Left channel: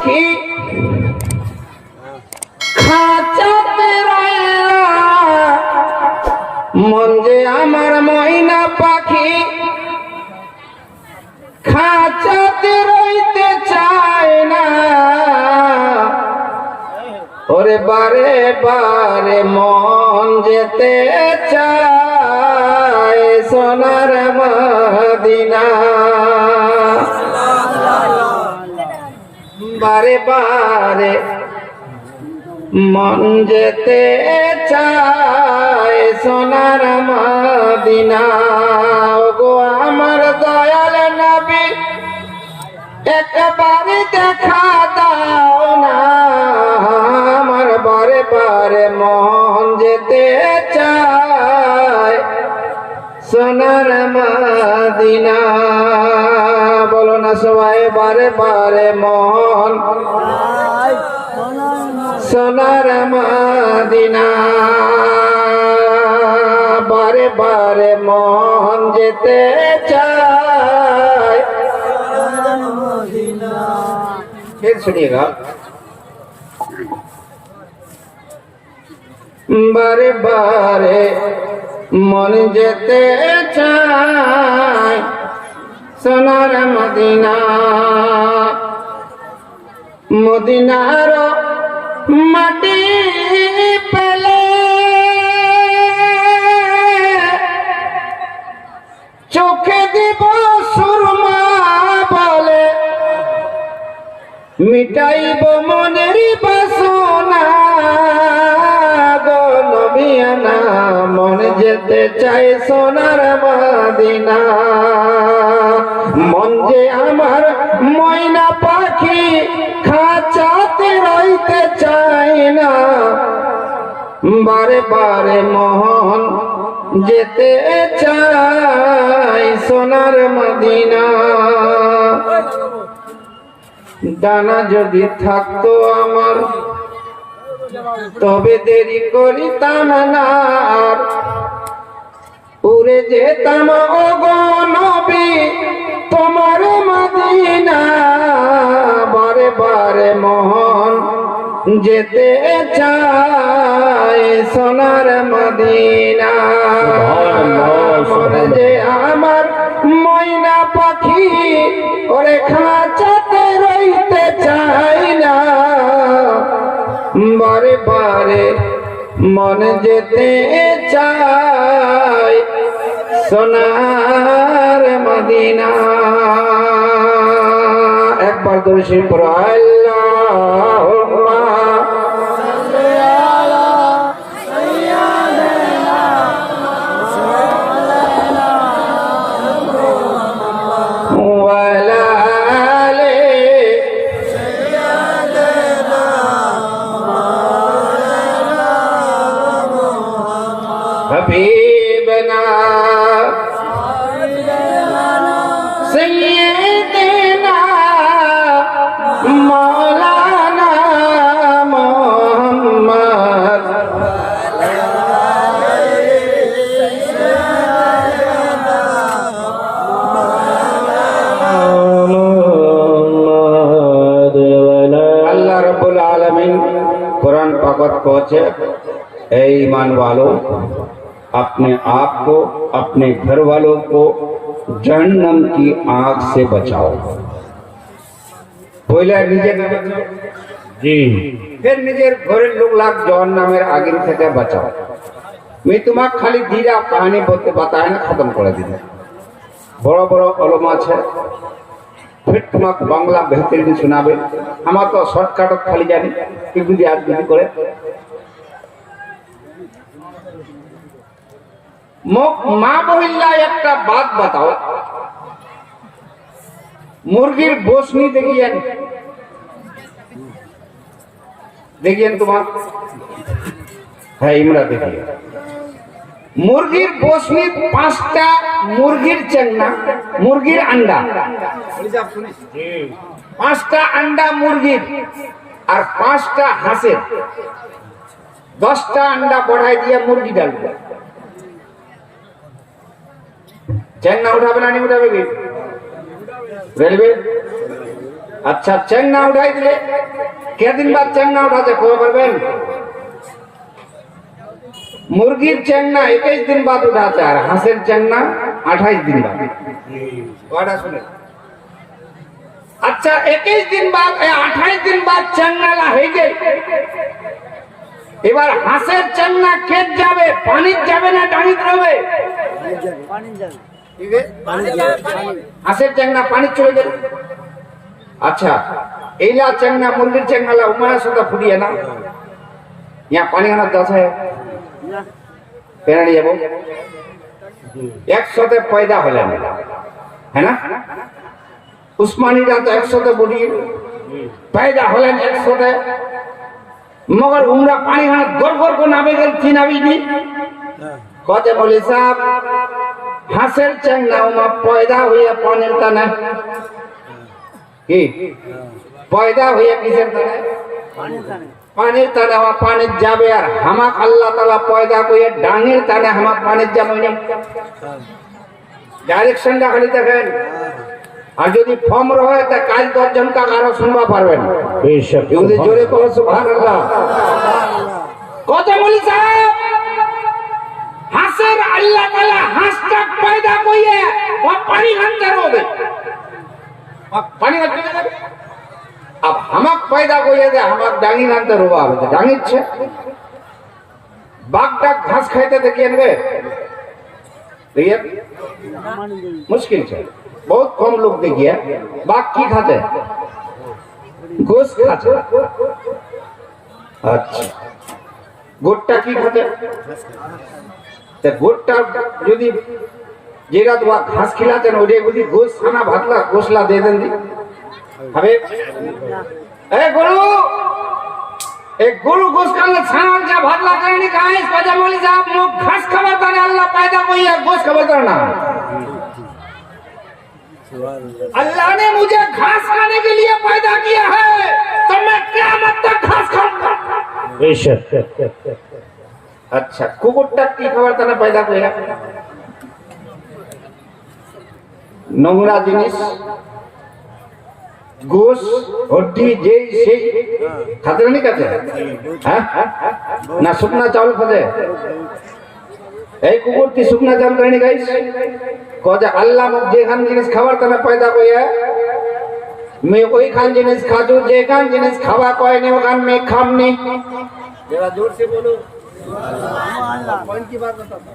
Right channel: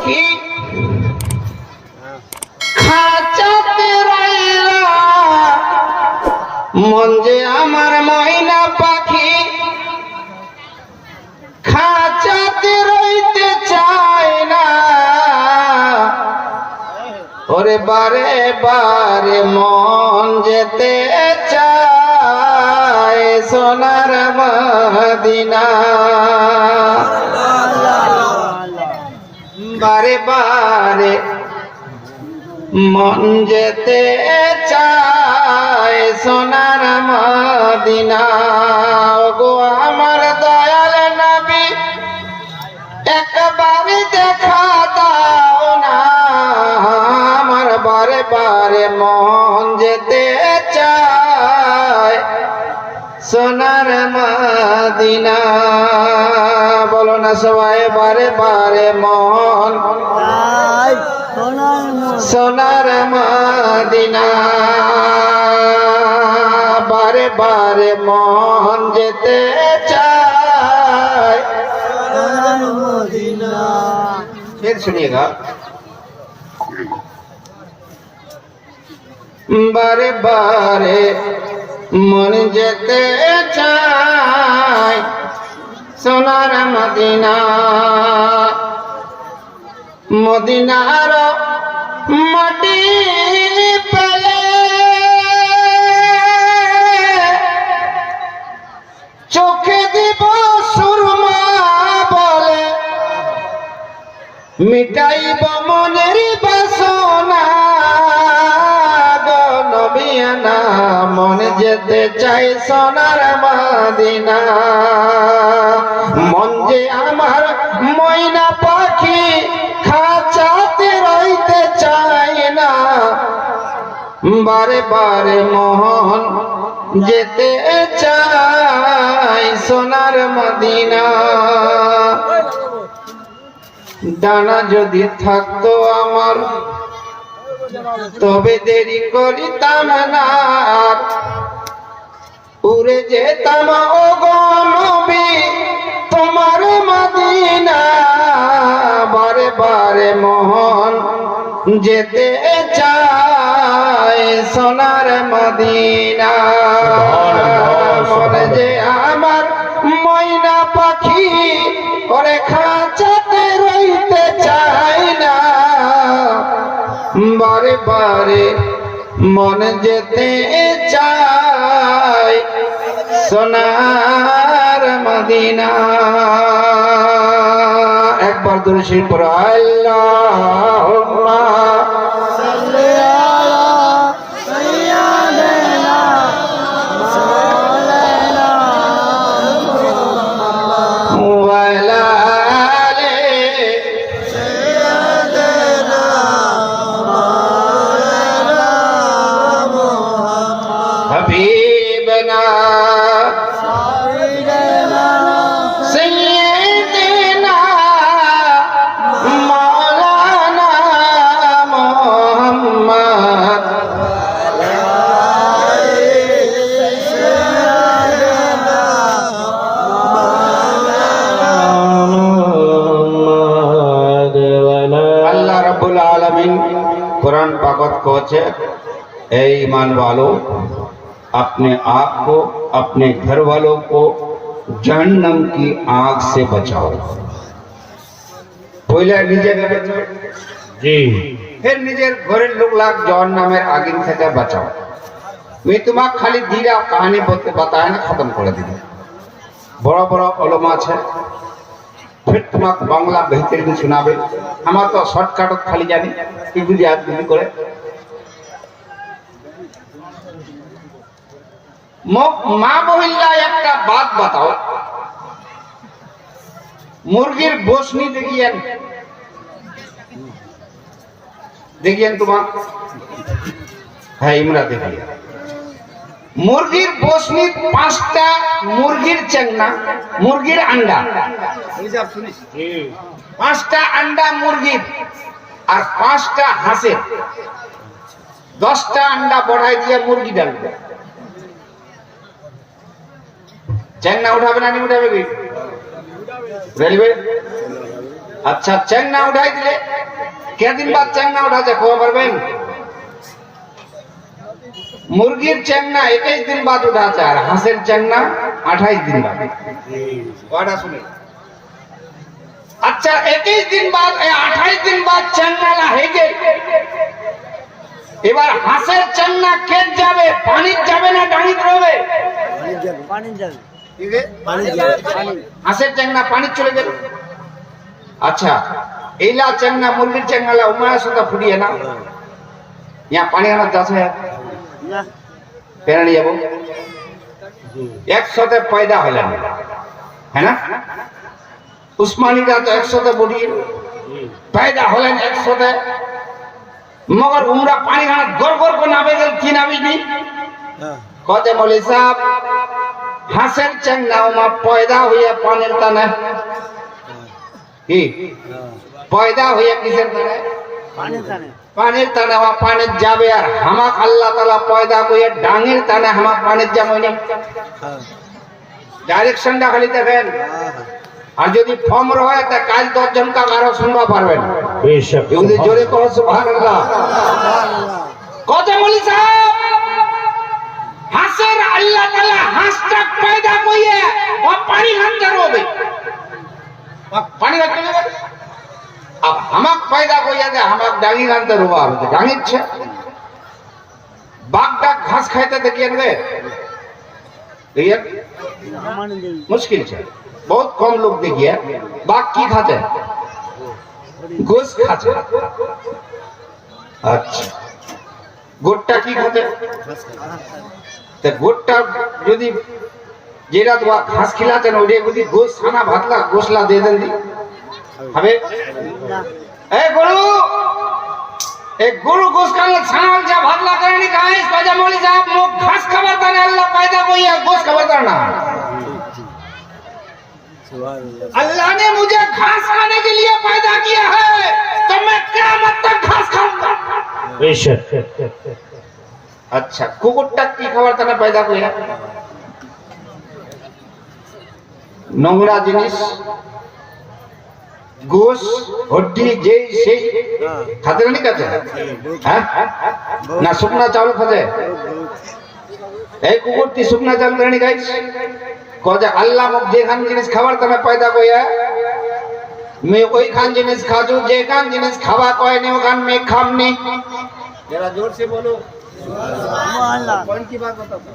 পাখি খাঁচাতে রইলা মন যে আমার ময়না পাখি খাঁচাতে রইতে চায় না ওরে বারে বারে মন যেতে চায় সোনার মদিনা বারে বারে মন যেতে চায় সোনার মদিনা গো আমার দয়াল নবী একবার দেখা দাও না আমার বারে বারে মন যেতে চায় সোনার মদিনা বলো না সবাই বারে বারে মন সোনার মদিনা বারে বারে মন যেতে চায় फिर सुनिएगा बारे बारे मन जेते चाय सोनार मदीना मदीनार माटी पेले चोखे দিব सुरमा বলে মিটাইব মনের বাসনা গো নবিয়ানা মন যেতে চাই সোনার মদিনা মন যে আমার ময়না পাখি খাঁচাতে রইতে চায় না বারে বারে মন যেতে চাই সোনার মদিনা ডানা যদি থাকতো আমার তবে দেরি করিতাম না উড়ে যেতাম ওগো নবী তোমার মদিনা বারে বারে মন যেতে চায় সোনার মদিনা মনে যে আমার ময়না পাখি ওরে খাঁচাতে রইতে চায় না বারে বারে মন যেতে চায় সোনার মদিনা একবার ধরে সেই পড়ো আল্লাহুম্মা حبيبنا سيدنا مولانا محمد अल्लाह रब्बुल आलमीन कुरान पाक कहছে ऐ ईमान वालों अपने आप को अपने घर वालों को जहन्नम की आग से बचाओ पहले निजे जी फिर निजेर घरेर लोक लाग जहन्नमेर आगिन থেকে বাঁচাও मैं तुम्हें खाली धीरा कहानी बोलते बताए ना खत्म कर दिल बड़ा बड़ा कलम আছে फिर तुम्हें बांग्ला बेहतर दिन सुनाबे हमार तो शॉर्टकट खाली जानी एगुली याद गुली करे মা মহিলা একটা বাত बताओ মুরগির বসনি দেখিয়েন তোমার হ্যাঁ ইমরা দেখিয়ে মুরগির বসনি 5টা মুরগির চেংনা মুরগির আন্ডা 5টা আন্ডা মুরগির আর 5টা হাঁসের 10টা আন্ডা बढ़ाई দিয়ে মুরগি ডালবে चैंगना उठावे ना नहीं उठावे रेलवे अच्छा चेंगना उठाई दिले क्या दिन बाद चेंगना उठाते को पारबेन मुर्गीर चेंगना 21 दिन बाद उठाते আর হাঁসের চেংনা 28 दिन बाद ওটা শুনে अच्छा 21 दिन बाद 28 दिन बाद চেংনালা হয়ে গেল এবার হাঁসের চেংনা কেট যাবে পানি যাবে না ডাঙিতে রবে পানি যাবে ঠিক আছে পানি যাবে হাঁসের চেংনা পানি চলে গেল अच्छा এইলা চেংনা মুরগির চেংনালা উমায়া সুদা ফুডিয়া না ইয়া পানি আনা যাচ্ছে না পেড়ে যাব একসাথে পয়দা হলেন है ना उस्मानीরা তো একসাথে বডি পয়দা হলেন একসাথে मगर उमरा पानी हाथ गड़गड़ को नामे गल थी नावी दी कहते बोले साहब हासेर चंगना उमा पैदा हुआ पानी तना पैदा हुआ किसे तना पानी तना वहाँ पानी जाबे यार हमाक अल्लाह ताला पैदा को ये डांगेर तना हमाक पानी जामने डायरेक्शन डाली तक আর যদি ফর্ম রয় তা কাল 10 জন কা কারো শুনবা পারবেন বেশক যদি জোরে কও সুবহানাল্লাহ সুবহানাল্লাহ কথা বলি সাহেব হাসের আল্লাহ তাআলা হাসটা পয়দা কইয়ে ও পানি अंदर হবে পানি চলে গেল अब हमाक पैदा কইয়ে যে हमाक ডাঙি अंदर হওয়া হবে ডাঙি ছে বাঘটা ঘাস খাইতে দেখিয়েন রে দেখেন मुश्किल है बहुत कम लोग देखिए बाघ की खाते गोश खाते अच्छा गोट्टा की खाते तो गोट्टा यदि जेरा तो घास खिलाते ना उड़े यदि गोश खाना भातला गोशला दे दें दी हमें गुरु गोश खाना छानल जा भातला करने का है इस वजह मोली साहब मुख घास खबरता ने अल्लाह पैदा कोई है गोश खबर करना अल्लाह ने मुझे घास खाने के लिए पैदा किया है तो मैं क़यामत तक घास खाऊंगा बेशक अच्छा कुकुट्टा की खबर तना पैदा किया নোংরা জিনিস গোশ হड्डी যে সেই খাতে না খাতে হ্যাঁ না শুকনা চাউল খাতে এই কুকুরটি শুকনা চাউল খানি গাইস কজে আল্লাহ মুখ যেখান জিনিস খাবার তনে পয়দা কইয়া मैं ওই খান জিনিস খাজু যেখান জিনিস খাওয়া কয় নে ওখান मैं খামনি जरा जोर से बोलो सुभान अल्लाह कौन की बात बताता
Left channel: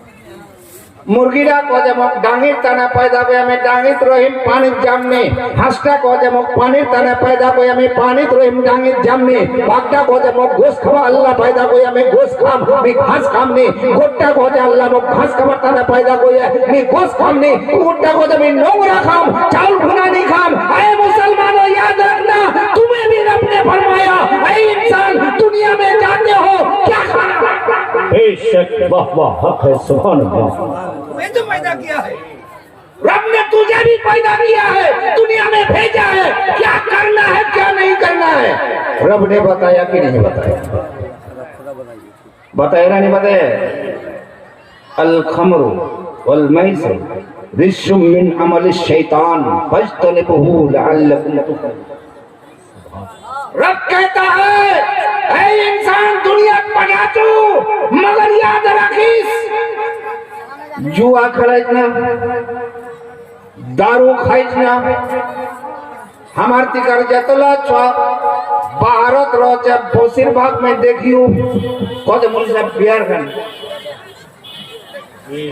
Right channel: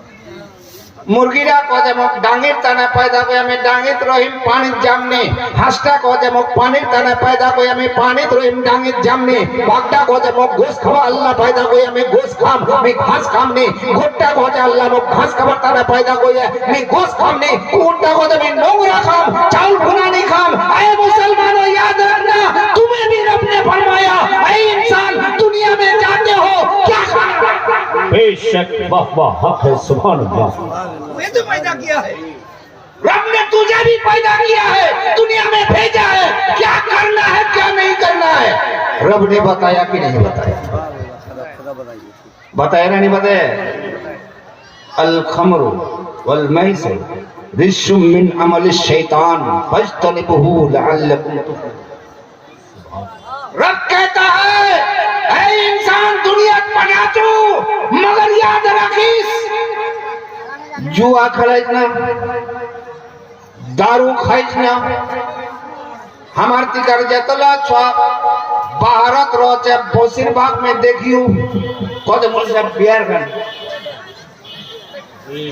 मुर्गीरा कजे मुख डांगीर तने पैदा कइया मैं डांगीत रहिम पानीत जामने हांसटा कजे मुख पानीर तने पैदा कइया मैं पानीत रहिम डांगीत जामने बाघटा कजे मुख गोश खावा अल्लाह पैदा कइया मैं गोश खाम मैं घास खामने गोट्टा कजे अल्लाह मुख घास खावा तने पैदा कइया मैं गोश खामने ऊंटा कजे मैं नोंगरा खाम चावल भुना नहीं खाम ऐ मुसलमानों याद रखना तुम्हें भी रब ने फरमाया ऐ इंसान दुनिया में जाते हो क्या खाना बेशक वाह वाह हक है सुभान अल्लाह मैं तो पैदा किया है रब ने तुझे भी पैदा किया है दुनिया में भेजा है क्या करना है क्या नहीं करना है रब ने बताया कि नहीं बताया बताया ना नहीं बताया अल खमरु वल मैसर रिजुम मिन अमल शैतान फज्तनिबुहु लअल्लकुम तुफलिहून रब कहता है ऐ इंसान दुनिया बना तू मगर याद रखिस जुआ खेलाइस ना दारू खाइस ना हमार तिकार जतला छा भारत रोचे बसिरबाग में देखियो कद मुझे बिहार में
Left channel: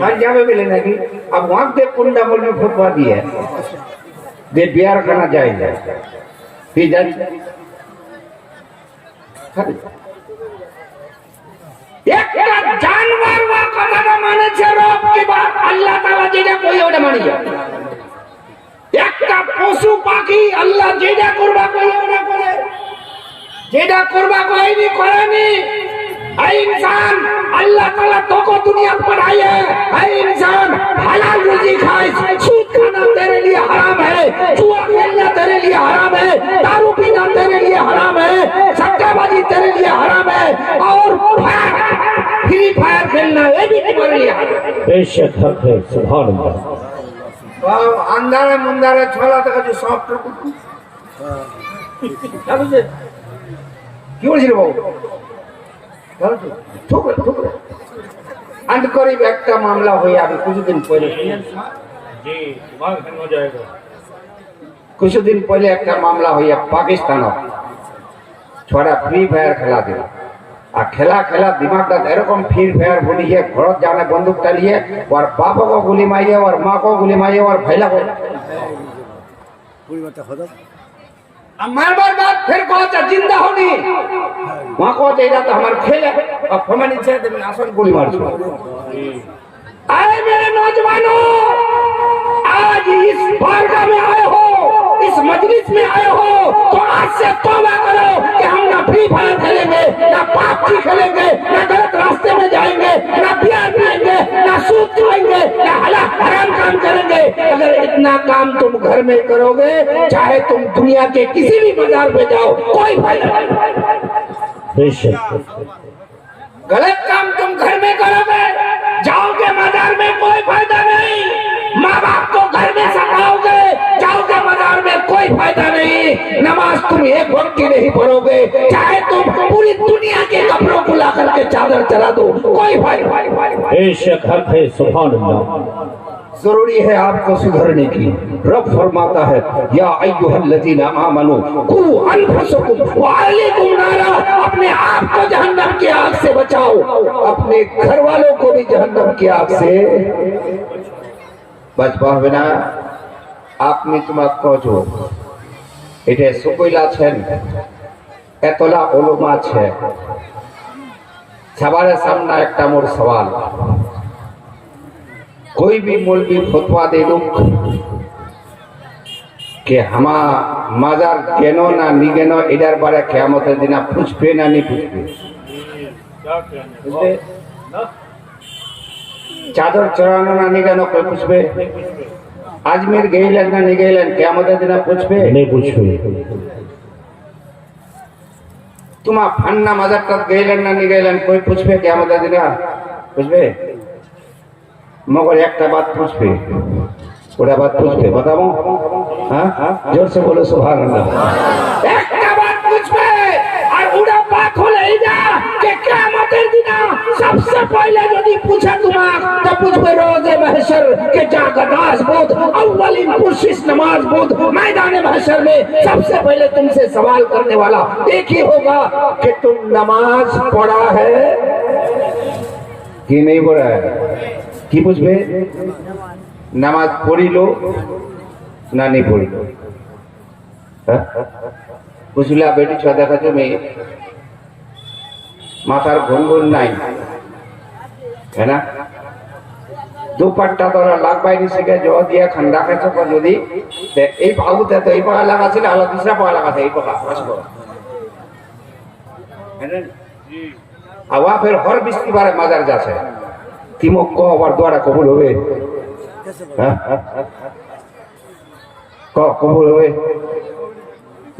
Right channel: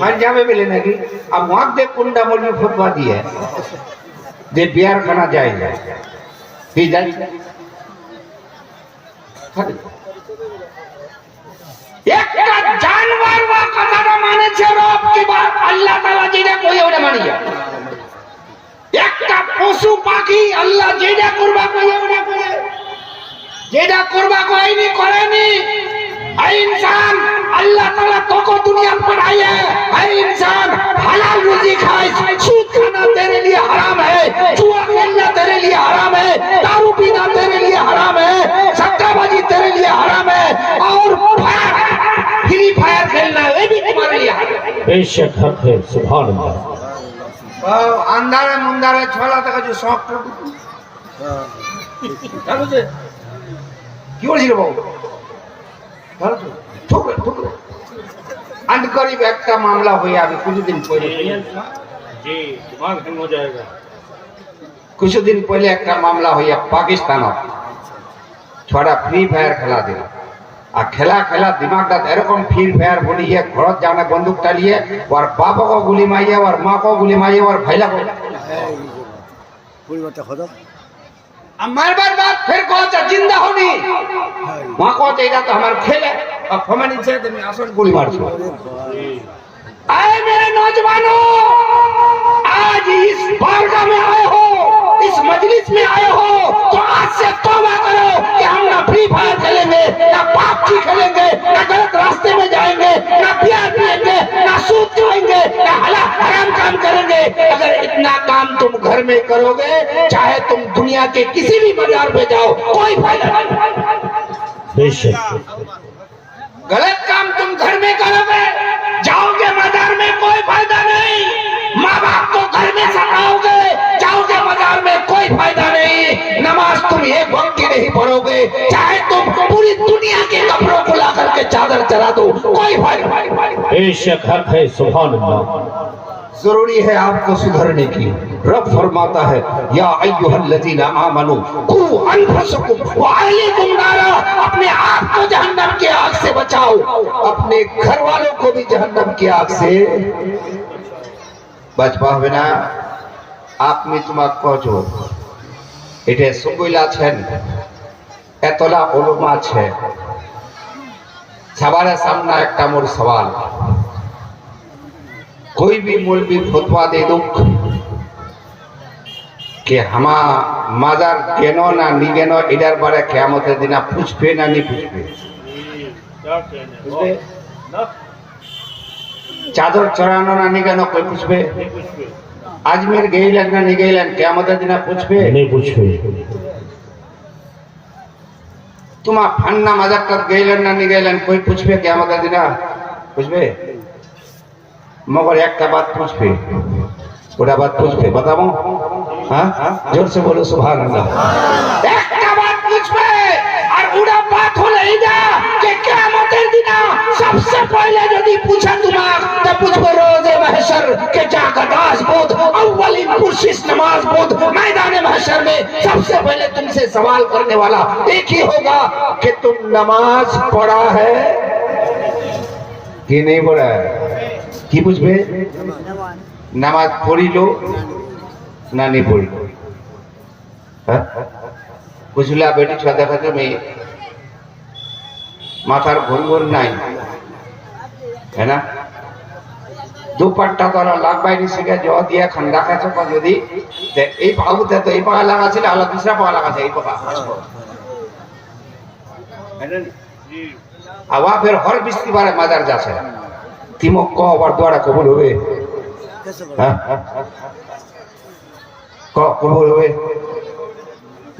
पंजाब में मिले नहीं अब वहां दे कुंडा मुर्गी फटवा दिया दे बिहार खाना जाए फिर जाए একটা জানোয়ার ওয়া কথাটা মানেছে রব কি বাত আল্লাহ তাআলা যেটা কই ওটা মানি একটা পশু পাখি আল্লাহ যেটা করবা কই ওটা করে যেটা করবা কইনি করেনি ऐ इंसान अल्लाह ताला তোকে दुनिया पर आए ऐ इंसान हलाल रोजी खाए सूद खाना तेरे लिए हराम है जुआ खेलना तेरे लिए हराम है दारू पीना तेरे लिए हराम है सट्टाबाजी तेरे लिए हराम है और फ्री फायर खेलना ये भी तुम्हारे लिए हराम है बेशक हक है सुभान अल्लाह अंधारा मुंदारा छोला तक जो सॉफ्ट কি বলছিল বাবু আনকরিব একটা মামলা হয়ে আমি কিছুদিন পরে কিছুদিন পরে একটা মামলা হইয়া পাকিস্তান ছড়া ফ্রি ফায়ার খেলা দিল আর খেলা খেলা দিমাগটা এরকম ফ্রি ফায়ার বলিয়ে ঘর জানে বন্দুক টালিয়ে ওর বাপকে গুলি মারিয়ে ওর মাকে গুলি মারিয়ে ওর ভাইলা मारबार बात फिर कहता जिंदा होनी वहां को तेरा तो हमार खेल है अब हमें नीचे तो मैं आसन गोली मार दूं आए मेरे नौजवानों आज इस बारगाह में आए हो इस मजलिस में आए हो तो आज से तौबा करो कि हम ना फ्री फायर खेलेंगे ना पापची खेलेंगे ना गलत रास्ते में जाएंगे ना बियर पिएंगे ना सूद खाएंगे ना हराम काम करेंगे अगर इतना काम तुम घर में करोगे चाहे तुम दुनिया के किसी भी बाजार में जाओ कोई फायदा नहीं गलत काम तुम घर में करोगे जाओगे बाजार में कोई फायदा नहीं माँ बाप को घर में सताओगे जाओगे बाजार में कोई फायदा नहीं नमाज तुम एक वक्त की नहीं पढ़ोगे चाहे तुम पूरी दुनिया के कपड़ों को ला करके चादर चला दो कोई फायदा नहीं सुभान अल्लाह जरूरी है आपको सुधरने की रब फरमाता है या अय्युहल्लज़ीना आमनू कू अनफुसकुम व अहलीकुम नारा अपने आप को जहन्नम की आग से बचाओ अपने घर वालों को भी जहन्नम की आग से बच पावे ना আপনি তোমাক কছো এটা সকইলা আছেন এতলা ওলমা আছে সবার সামনে একটা মোর সওয়াল कोई भी मौलवी फतवा दे दो कि हमा माजार केनो ना नी केनो इधर बारे क़यामत दिना पूछबे ना नहीं पूछबे चादर चढ़ानो ना नहीं केनो कोई पूछबे अजमेर गइलेन ना नहीं गइलेन क़यामत दिना पूछबे नहीं पूछबे तुमा फन्ना माजार तक गइलेन ना नहीं गइलेन कोई पूछबे क़यामत दिना पूछबे मगर एक बात पूछबे ओटा बात पूछबे बताओ हाँ जोर से बोलो सुभान अल्लाह एक बात पूछबे और ओटा बात हो ले जा कि क़यामतेर दिना सबसे पहले यदि पूछे तुम्हारा तो पूछबे रोज़े महशर के जागदास बोध अव्वलिन पुरशिश नमाज बोध मैदान महशर में सबसे पहले तुमसे सवाल करने वाला एक ही होगा कि तुम नमाज पढ़ा है कि नहीं पढ़ा है কি বুঝবে নামাজ পড়িলো না নি পড়িলো হ্যাঁ বুঝলা বেটি ছোয়া দেখা তুমি মাথার ঘুঙ্গুর নাই है ना দুপাট্টা তো লাগবাই নি শিখে জ দিয়া খান রাখাছো যদি এই বাবুতে তো এই পা লাগা ছিল আর দুসরা পা লাগা এই পা है ना जी आवा फिर हर बिस्तिबार मजार जाছে तिमक को और द्वारा कबूल हुए कबूल हुए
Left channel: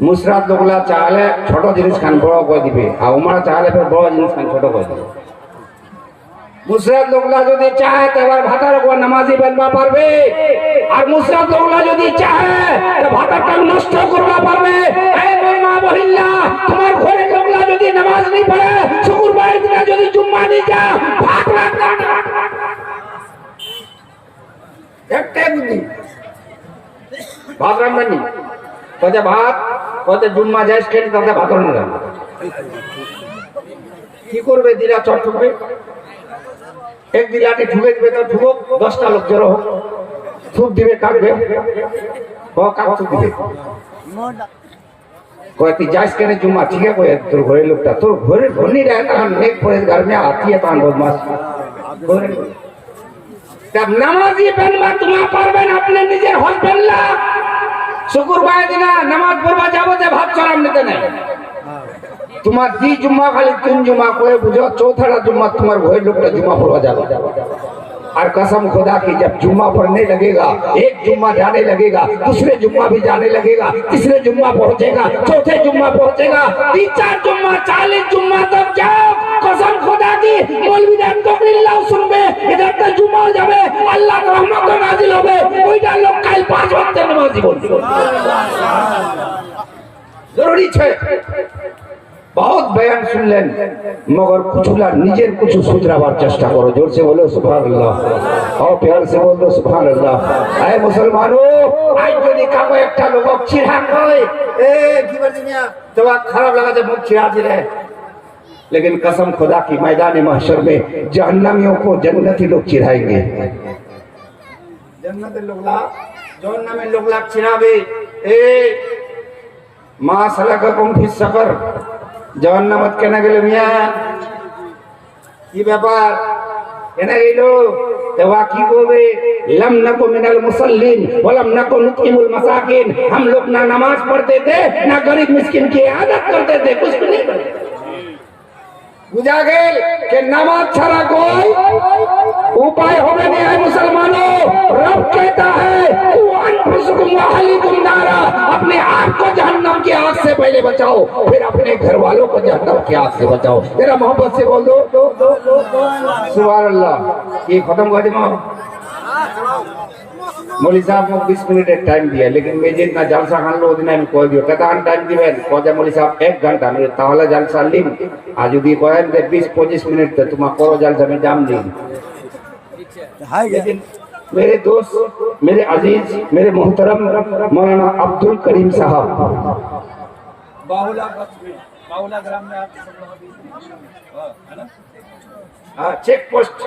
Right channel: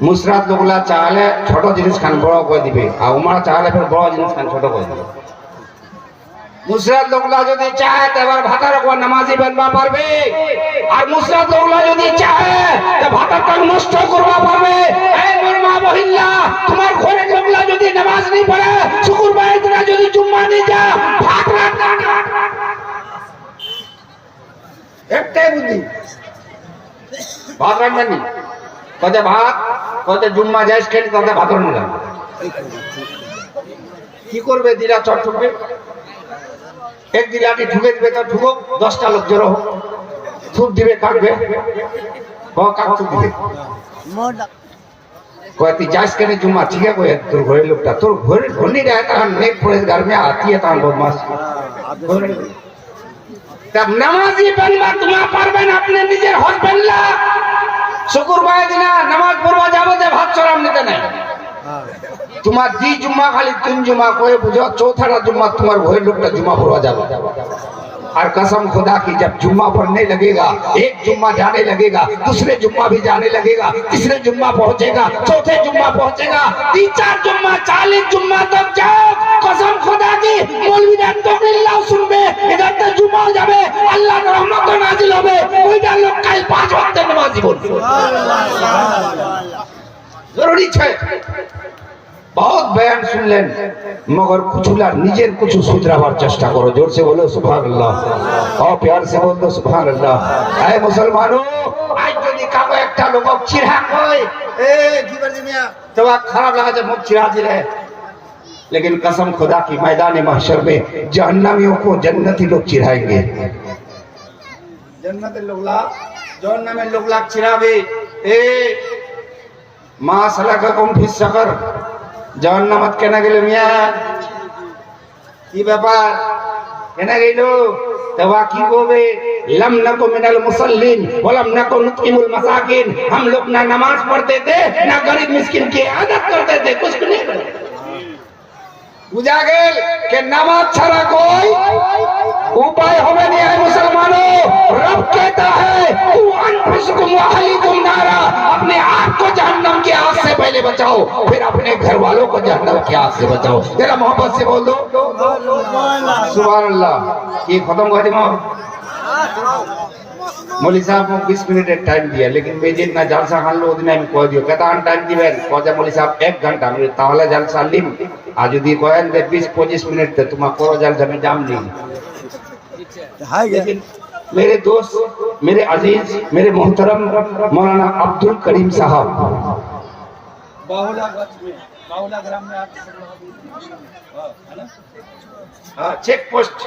मुसरात लोगला चाहले छोटो जिनिस खान बड़ो कर दिबे आ उमरा चाहले फिर बड़ो जिनिस खान छोटो कर दिबे मुसरात लोगला যদি চায় তবে ভাতার কো নামাজি বানবা পারবে আর মুসরাত লোগলা যদি চায় তো ভাতাটা নষ্ট করবা পারবে এই মোর মা বহিল্লা তোমার ঘরে লোগলা যদি নামাজ নি পড়ে শুক্রবার দিন যদি জুম্মা নি যা ভাতরা একটাই বুদ্ধি ভাত রান্নানি কত ভাত কত জুম্মা যাইস খেলি তাতে ভাত রান্না কি করবে দিলা চট ঠুকবে এক দিলাটি ঠুকে দিবে তো ঠুকো 10টা লোক জড়ো থুপ দিবে কাটবে কাট থুপ দিবে কত যাইস কেনে জুম্মা ঠিক আছে তোর ঘরে লোকটা তোর ঘরে ধনীরা একটা নেক পড়ে ঘর মে আতি है तान बदमाश तब नमाजी बनवा तुम पारबेन अपने निजे हस्बैंडला शुक्रवार दिन नमाज पढ़वा जाबो जे भात चराम निते नहीं तुम्हार दी जुम्मा खाली तीन जुम्मा कोई बुझो चौथा जुम्मा तुम्हार घरे लोकटा जुम्मा पढ़वा जाबो और कसम खुदा की जब जुम्मा पढ़ने लगेगा एक जुम्मा जाने लगेगा दूसरे जुम्मा भी जाने लगेगा तीसरे जुम्मा पहुंचेगा चौथे जुम्मा पहुंचेगा 3-4 जुम्मा 40 जुम्मा तक जाओ कसम खुदा की मौलवी ने तकरीर सुनबे इधर तक जुम्मा हो जावे अल्लाह की रहमत नाजिल होवे ओइटा लोग काल 5 वक्त नमाजी बोलबे जरूरी है। बहुत बयान सुन लें मगर कुछ निजेर कुछ सुधरावर चेष्टा करो। जोर से बोलो सुभान अल्लाह और प्यार से बोल दो सुभान अल्लाह। ऐ मुसलमानों आज যদি কাউ একটা লোক চিড়া কয় এ কি বলছি মিয়া তো খারাপ লাগা যে মুখ চিড়া দিলে, लेकिन कसम खुदा की मैदान महशर में जहन्नमियों को जन्नती लोग चिढ़ाएंगे। जन्नत जहन्नम में लोग चिढ़ावे ए मा सलाकाकुम फिस सकर जहन्नमत केना गेल मिया की ব্যাপার কেনা গেল तवा की बोवे लम नको मिनल मुसल्लिन वलम नको नुतइमुल मसाकिन। हम लोग ना नमाज पढ़ते थे ना गरीब मिस्किन की आदत करते थे, कुछ नहीं करते। बुझा गेल के नमाज छाड़ा कोई उपाय होवे नहीं है। मुसलमानों रब कहता है अनफुसकुम व अहलिकुम नारा, अपने आप को जहन्नम की आग से पहले बचाओ, फिर अपने घर वालों को जहन्नम की आग से बचाओ। जरा मोहब्बत से बोल दो सुभान अल्लाह। ये खत्म कर दो। मौलवी साहब को 20 मिनट टाइम दिया, लेकिन मैं जितना जलसा खान लो दिन আমি কই দিও কত টাইম দিবেন কত মৌলवी साहब 1 घंटा मेरे তাহলে জলসা লিম আর যদি কয়েন দে 20-25 মিনিট তে তোমার কো জলসা में जाम दी। लेकिन मेरे दोस्त मेरे अजीज मेरे मोहतरम मौलाना अब्दुल करीम साहब बाहुला ग्राम में आप है ना हाँ चेक पोस्ट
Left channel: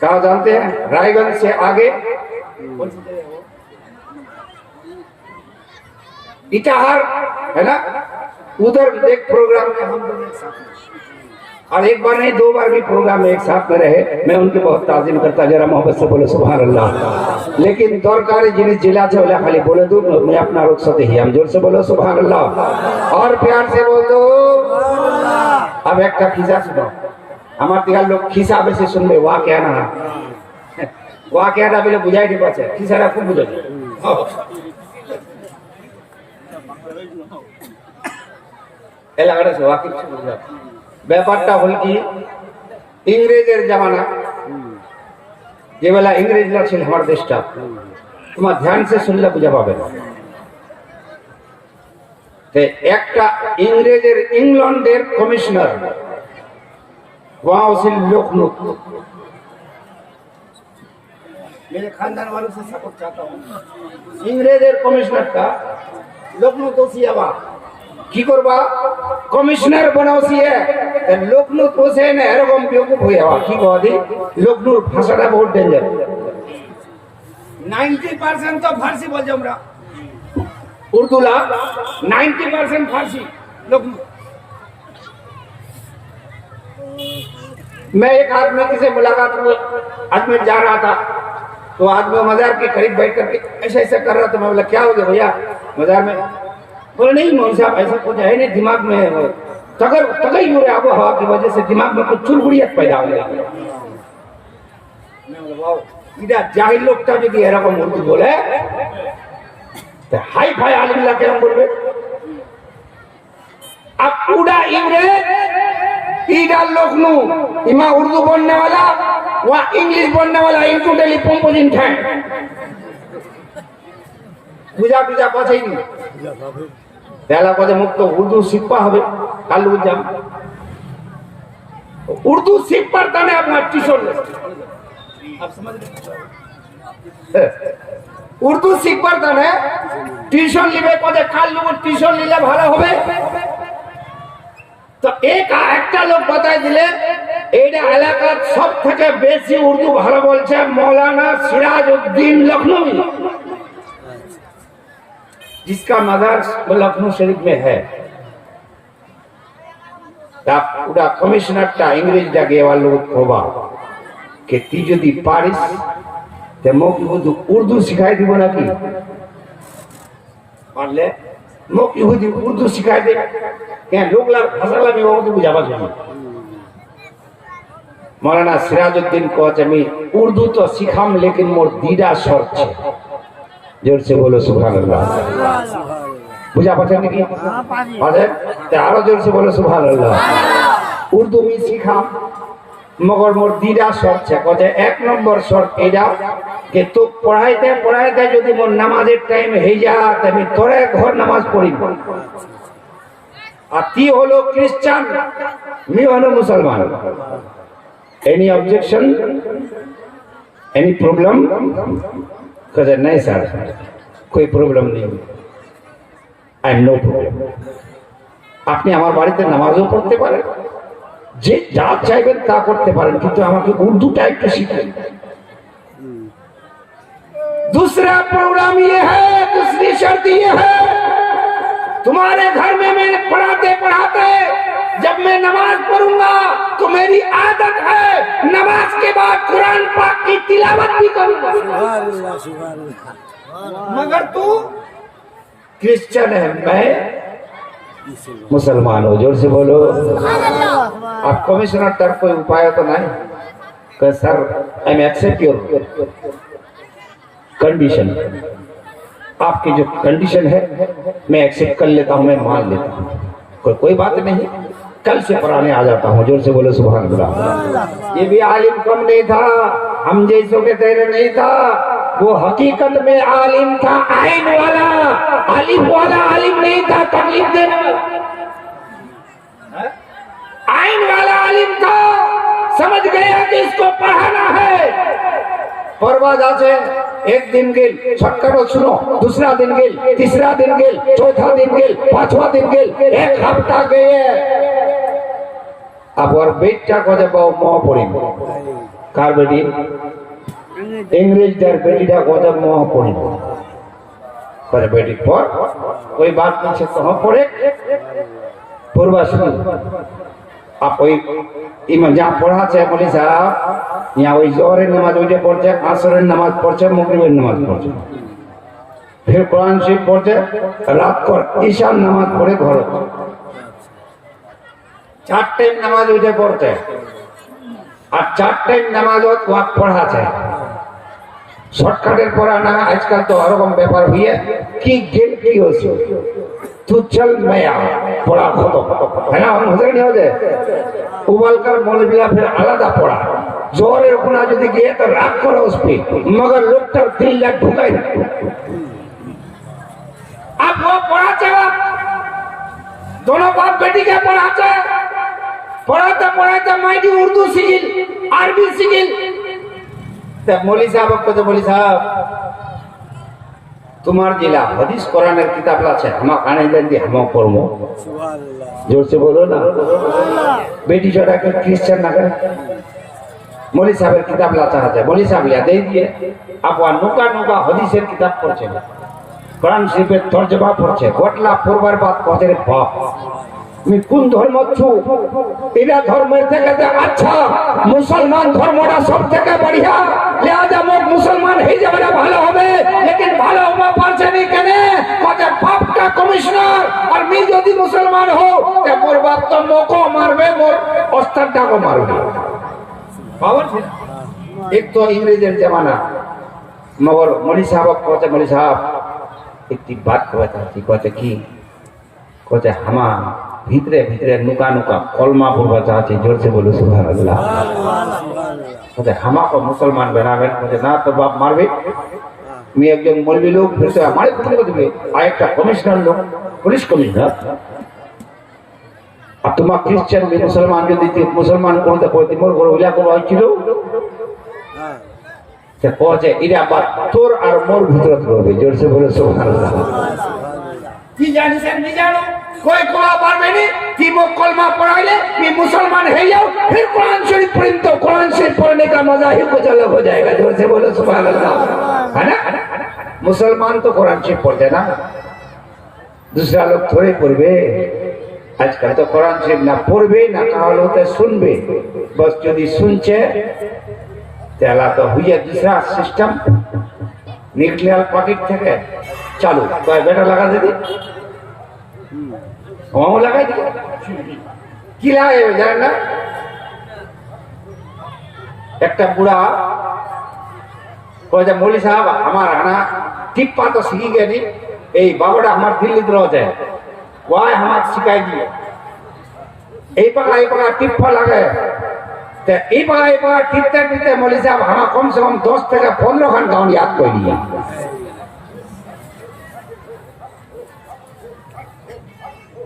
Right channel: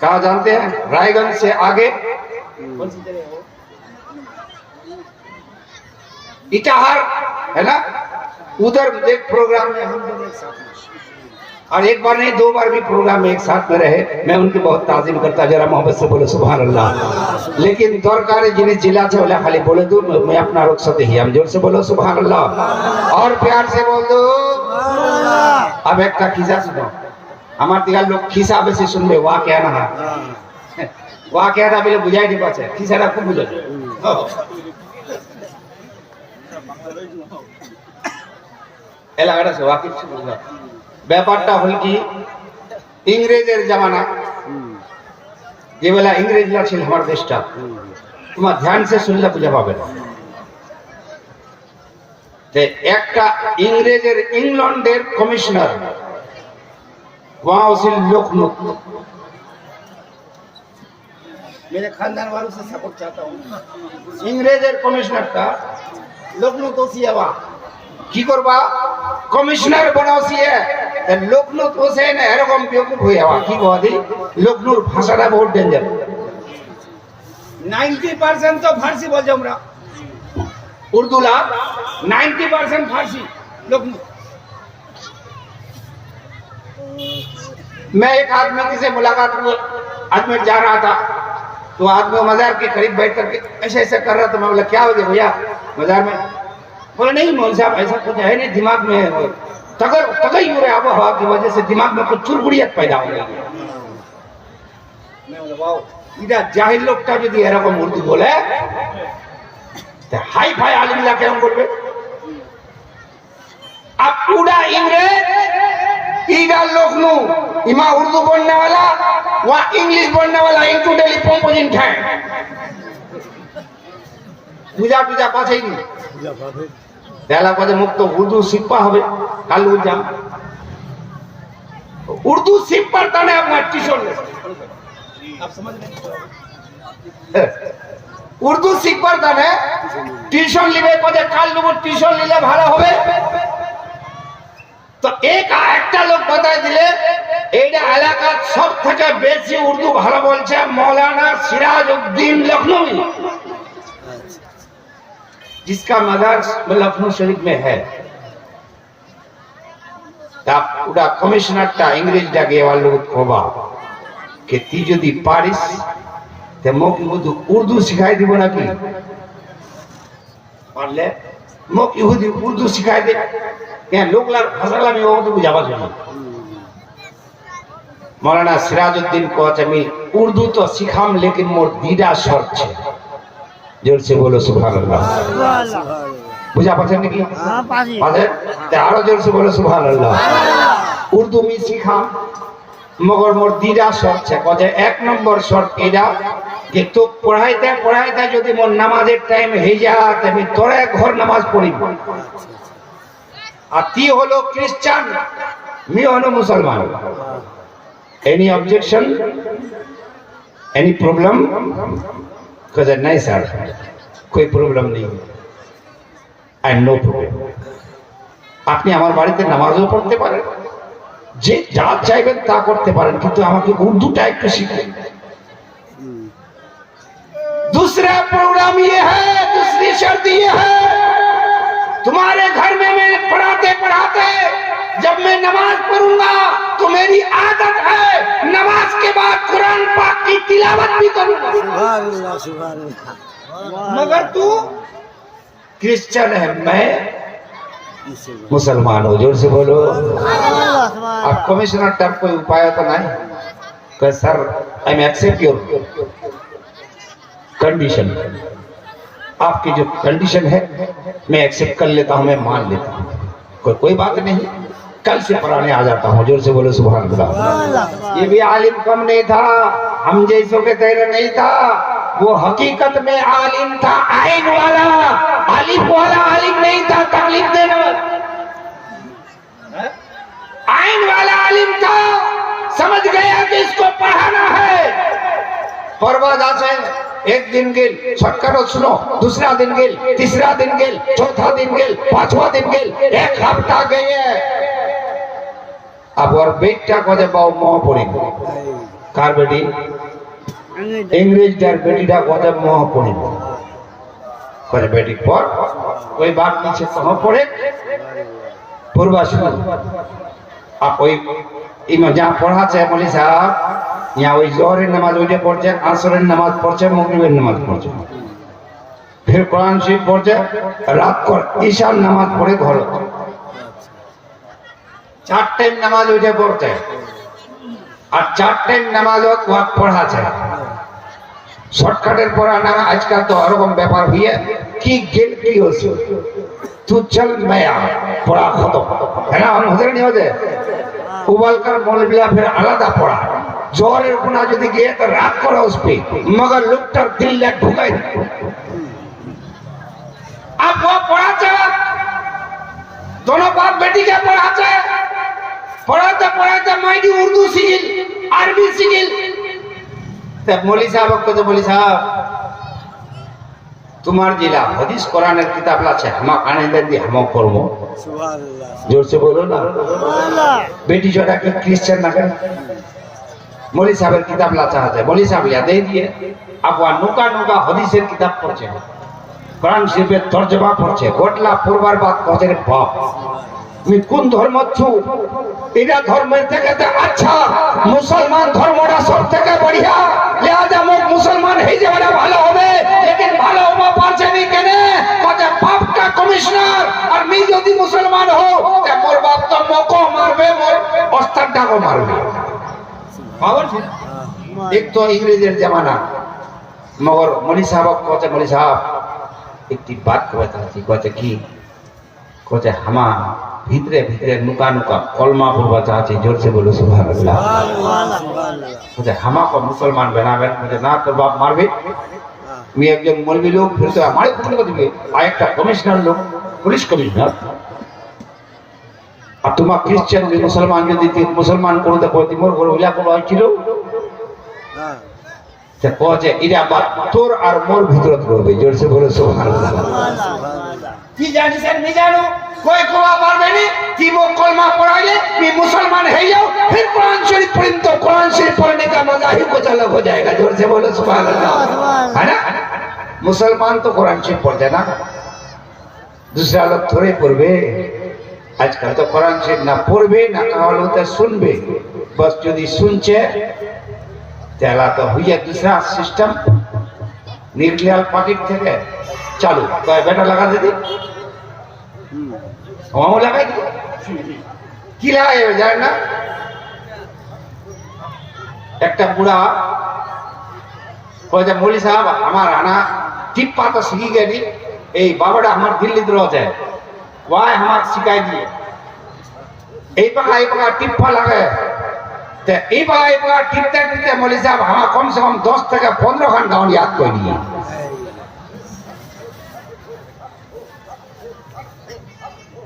कहाँ जानते हैं? रायगंज से आगे कौन सी जगह है वो? इटाहार है ना, उधर एक प्रोग्राम में हम दोनों एक साथ और एक बार नहीं 2 बार भी प्रोग्राम में एक साथ में रहे। मैं उनके बहुत ताज़ीम करता, जरा मोहब्बत से बोलो सुभान अल्लाह। लेकिन दरकार जिन्हें जिला से बोला खाली बोले दो मैं अपना रुख सते ही हम जोर से बोलो सुभान अल्लाह और प्यार से बोल दो। अब एक का खिसा सुनो আমার দিগার লোক খিসা বেশি শুনবে ওয়া কে না ওয়া কে না বলে বুঝাই দিতে পারছে খিসাটা খুব বুঝাই এলাকাটা ওয়া কিছু বুঝা। ব্যাপারটা হল কি ইংরেজের জামানা যে বেলা ইংরেজরা ছিল আমার দেশটা, তোমার ধ্যান সে শুনলে বুঝা পাবে না। একটা ইংরেজের ইংল্যান্ডের কমিশনার वहां से लोकमुक्त मेरे खानदान वालों से सपोर्ट चाहता हूँ। इंग्रेजर कमिश्नर का लोकमुक्त होशियावा की करवा कमिश्नर बनाओसिए लोकमुक्त होसे ने एरकम बेवकूफ होयावा की कहदे लोकमुक्त भाषाটা बहुत डेंजर 90% तो फारसी बोल जाओ हमरा उर्दू ला 90% फारसी लोकमुक्त। मैं एक आदमी से मुलाकात हुई, अजमेर जा रहा था तो आदमी मजार के करीब बैठ करके ऐसे ऐसे कर रहा था। मैं बोला क्या हो गया भैया मजार में? बोले नहीं मौलवी साहब ऐसा कुछ है नहीं, दिमाग में तगई हो रहा है आबोहवा की वजह से दिमाग में कुछ चुलबुड़ियत पैदा हो गई। मैं बोला वाओ इधर जाहिल लोगटा যদি এরকম উর্দু বলে तो हाई फाई आलिम ला কেমন বলবে? अब पूरा इंग्रेज इधर लोकनु इमा उर्दू बोलने वाला वहाँ इंग्लिश बोलने वाला इनटू डेली कंपोजिट है बुझा बुझा पाछे नहीं पहला कदे मुक्त उर्दू सीखा হবে কাল উজাম उर्दू सीख पड़ता है अपना ट्यूशन आप समझ रहे उर्दू सीख पड़ता है ट्यूशन लिबे कदे কাল लोग ट्यूशन लिले ভালো হবে। तो एक लोग बताए दिले एटा एलाकार सब থেকে বেশি उर्दू ভালো বলছে मौलाना सिराजुद्दीन लखनवी जिसका मजार लखनऊ शरीफ में है। पूरा कमिश्नर टा इंग्रेज टा गेवा लोग कोबा के ती যদি পারিস তে মোক उर्दू सिखाई দিব নাকি পারলে মোক ইহুদি उर्दू सिखाई दे क्या लोग भाषा भी वो तो बुझावा चाहिए। मौलाना सिराजुद्दीन को मैं उर्दू तो सिखाम लेकिन मोर दीदा शर्त है। जोर से बोलो सुभान अल्लाह। बुझा पाछन की पाछे आरो जोर से बोलो सुभान अल्लाह। उर्दू में सिखाम मगर मोर दीदा शर्त है। कहे 1 नंबर शर्त एडा কিন্তু পড়াইতে পড়াইতে যদি মোর নামাজের টাইম হয়ে যায় আমি তোরে ঘর নামাজ পড়িব আর তি হলো খ্রিস্টান মি হলো মুসলমান এনি অবজেকশন এনি প্রবলেম কাজে নাই স্যার कोई प्रॉब्लम नहीं आई एम नो प्रॉब्लम আপনি আমার বাড়িতে নামাজও পড়তে পারেন যে যা চাইবেন তা করতে পারেন কিন্তু আমাকে উর্দুটা একটু শিখান दूसरा प्रोग्राम ये है दूसरी शर्त ये है तुम्हारे घर में मैं पढ़ाते पढ़ाते जब मैं नमाज पढ़ूंगा तो मेरी आदत है नमाज के बाद कुरान पाक की तिलावत भी करूंगा सुभान अल्लाह सुभान अल्लाह मगर तू क्रिश्चियन है मैं मुसलमान हूँ जोर से बोलो आप कमिश्नर टर कोई उपाय तो नहीं कह sir I am accept your condition आपकी जो कंडीशन है मैं एक्सेप्ट कर लेता हूँ मैं मान लेता हूँ कोई बात नहीं कल से पढ़ाने आ जाता हूँ जोर से बोलो सुभान अल्लाह ये भी आलिम कम नहीं था हम जैसों के तेरे नहीं था वो हकीकत में आलिम था आइन वाला आलिम नहीं था तकलीफ देना आइन वाला आलिम था समझ गया कि इसको पढ़ाना है परवादा से एक दिन गेल छक्कर सुनो दूसरा दिन गेल तीसरा दिन गेल चौथा दिन गेल पांचवा दिन गेल एक हफ्ता गए अब और बेटा को जब मोह पड़ी कार बेटी इंग्रेज डर बेटी टा को जब मोह पड़ी करे बेटी पर कोई बात नहीं से कहां पड़े पूर्वा सुनो आप कोई इमा जहां पढ़ा है बोले साहब यहाँ वही जोहरेर नमाज ওইটা পড়ছে আসরের নামাজ পড়ছে মাগরিবের নামাজ পড়ছে फिर कुरान शरीफ পড়ছে রাত করে ঈশার নামাজ পড়ে ঘর চার টাইম নামাজ ওইটা পড়ছে আর চার টাইম নামাজ ওয়াক পড়া যায় শর্টকাটের পড়ানা আজকাল তো এরকম ব্যাপার হইয়ে কি গেল কি হচ্ছে तू चल मैं पढ़ा खत्म है ना हम हजर नहीं होते उबाल कर मौलविया फिर आलादा पढ़ा जोरे अपना यदि गए तो रात करो उस पे मगर लोग दिल ले ढुकाई अब वो पढ़ाते दोनों बाप बेटी के पढ़ाते माइडी उर्दू सीखिल अरबी सीखिल तब मौली साहब को तो मौली साहब तुम्हार जिला हदीस कुरान किताब আছে हम काने देन दी हम पढ़बो सुभान अल्लाह जोर से बोलो ना बेटी जोड़ा के क्रिश्चियन ना कर मौली साहब किताब ला चाहते मौली साहब या दे दिए अब नुका नुका हदीसेर किताब पढ़ছে कुरान शरीफের তরজমা পড়ছে গোটলা পড়বার বাদ পৌঁছে রে বাপ আমি কোন ধর্ম ছু এরা ধর্মের থেকে আচ্ছা মুসলমান ধর্মটা সব থেকে বড়িয়া লিহাজা মুখ মুসলমান হয়ে যাবে ভালো হবে लेकिन ভালো হবে পারছে নি কেন কত বাপটা কমিশনার আর আমি যদি মুসলমান হও তে মোর বাপ তো মোকো মারবে মোর ওস্তাদটাকে মারবে पावर एक तो इंग्रेजर जमाना मगर मौली साहब कहते मौली साहब एक बात कहते कि कहते हम भीतरे भीतरे नुका नुका कलमा पढ़वा चाहते जोर से बोलो सुभान अल्लाह कहते हम को मुसलमान बनावे कहते ना तो बाप मारबे मैं একজন मौलवी लोग फिर तो हमारे पुलिस को दिबे आ एक कमिश्नर लोग पुलिस कमिश्नर अब तुम क्रिश्चियन भी मुसलमान जो दीती मुसलमान को तो कोई मोर घर होला को आइलो हां ते कोजे इरा बात तोर और मोर भीतर करबे जोर से बोलो सुभान अल्लाह की जानि से नहीं जानो कोई कोला मारबे नहीं कि मो कलमा पढ़ाइले कि मुसलमान है यो फिर कुरान शरीफ पढ़ें तो कुरान शरीफ पढ़ने का मजा ही कुछ अलग हो जाएगा जोर से बोलो सुभान अल्लाह है ना मुसलमान तो कुरान शरीफ पढ़ते ना दूसरा लोग थोड़े पढ़बे आजकल तो कुरान शरीफ ना पढ़बे ना कहल होते सुनबे बस यदि सुनছে তাহলে তো হইয়া दूसरा सिस्टम নিউক্লিয়ার পকেট থেকে চালু কয় বেটা লাগা দিদি ওমো লাগাই দি কি লাগাইবে জানেন না একটা বুড়া কয় যে মৌলী সাহেব আমার আনা টিপ্পা তো শিখি গেলি এই বাবাটা আমার দিল্লিতে রয়েছে वाय हमारे सिखाई दिए एक पका टिप्पा लगे तो इबा टिपते मौलवी साहब हम कम से कम 10 থেকে 15 खान गाँव याद कर लिए।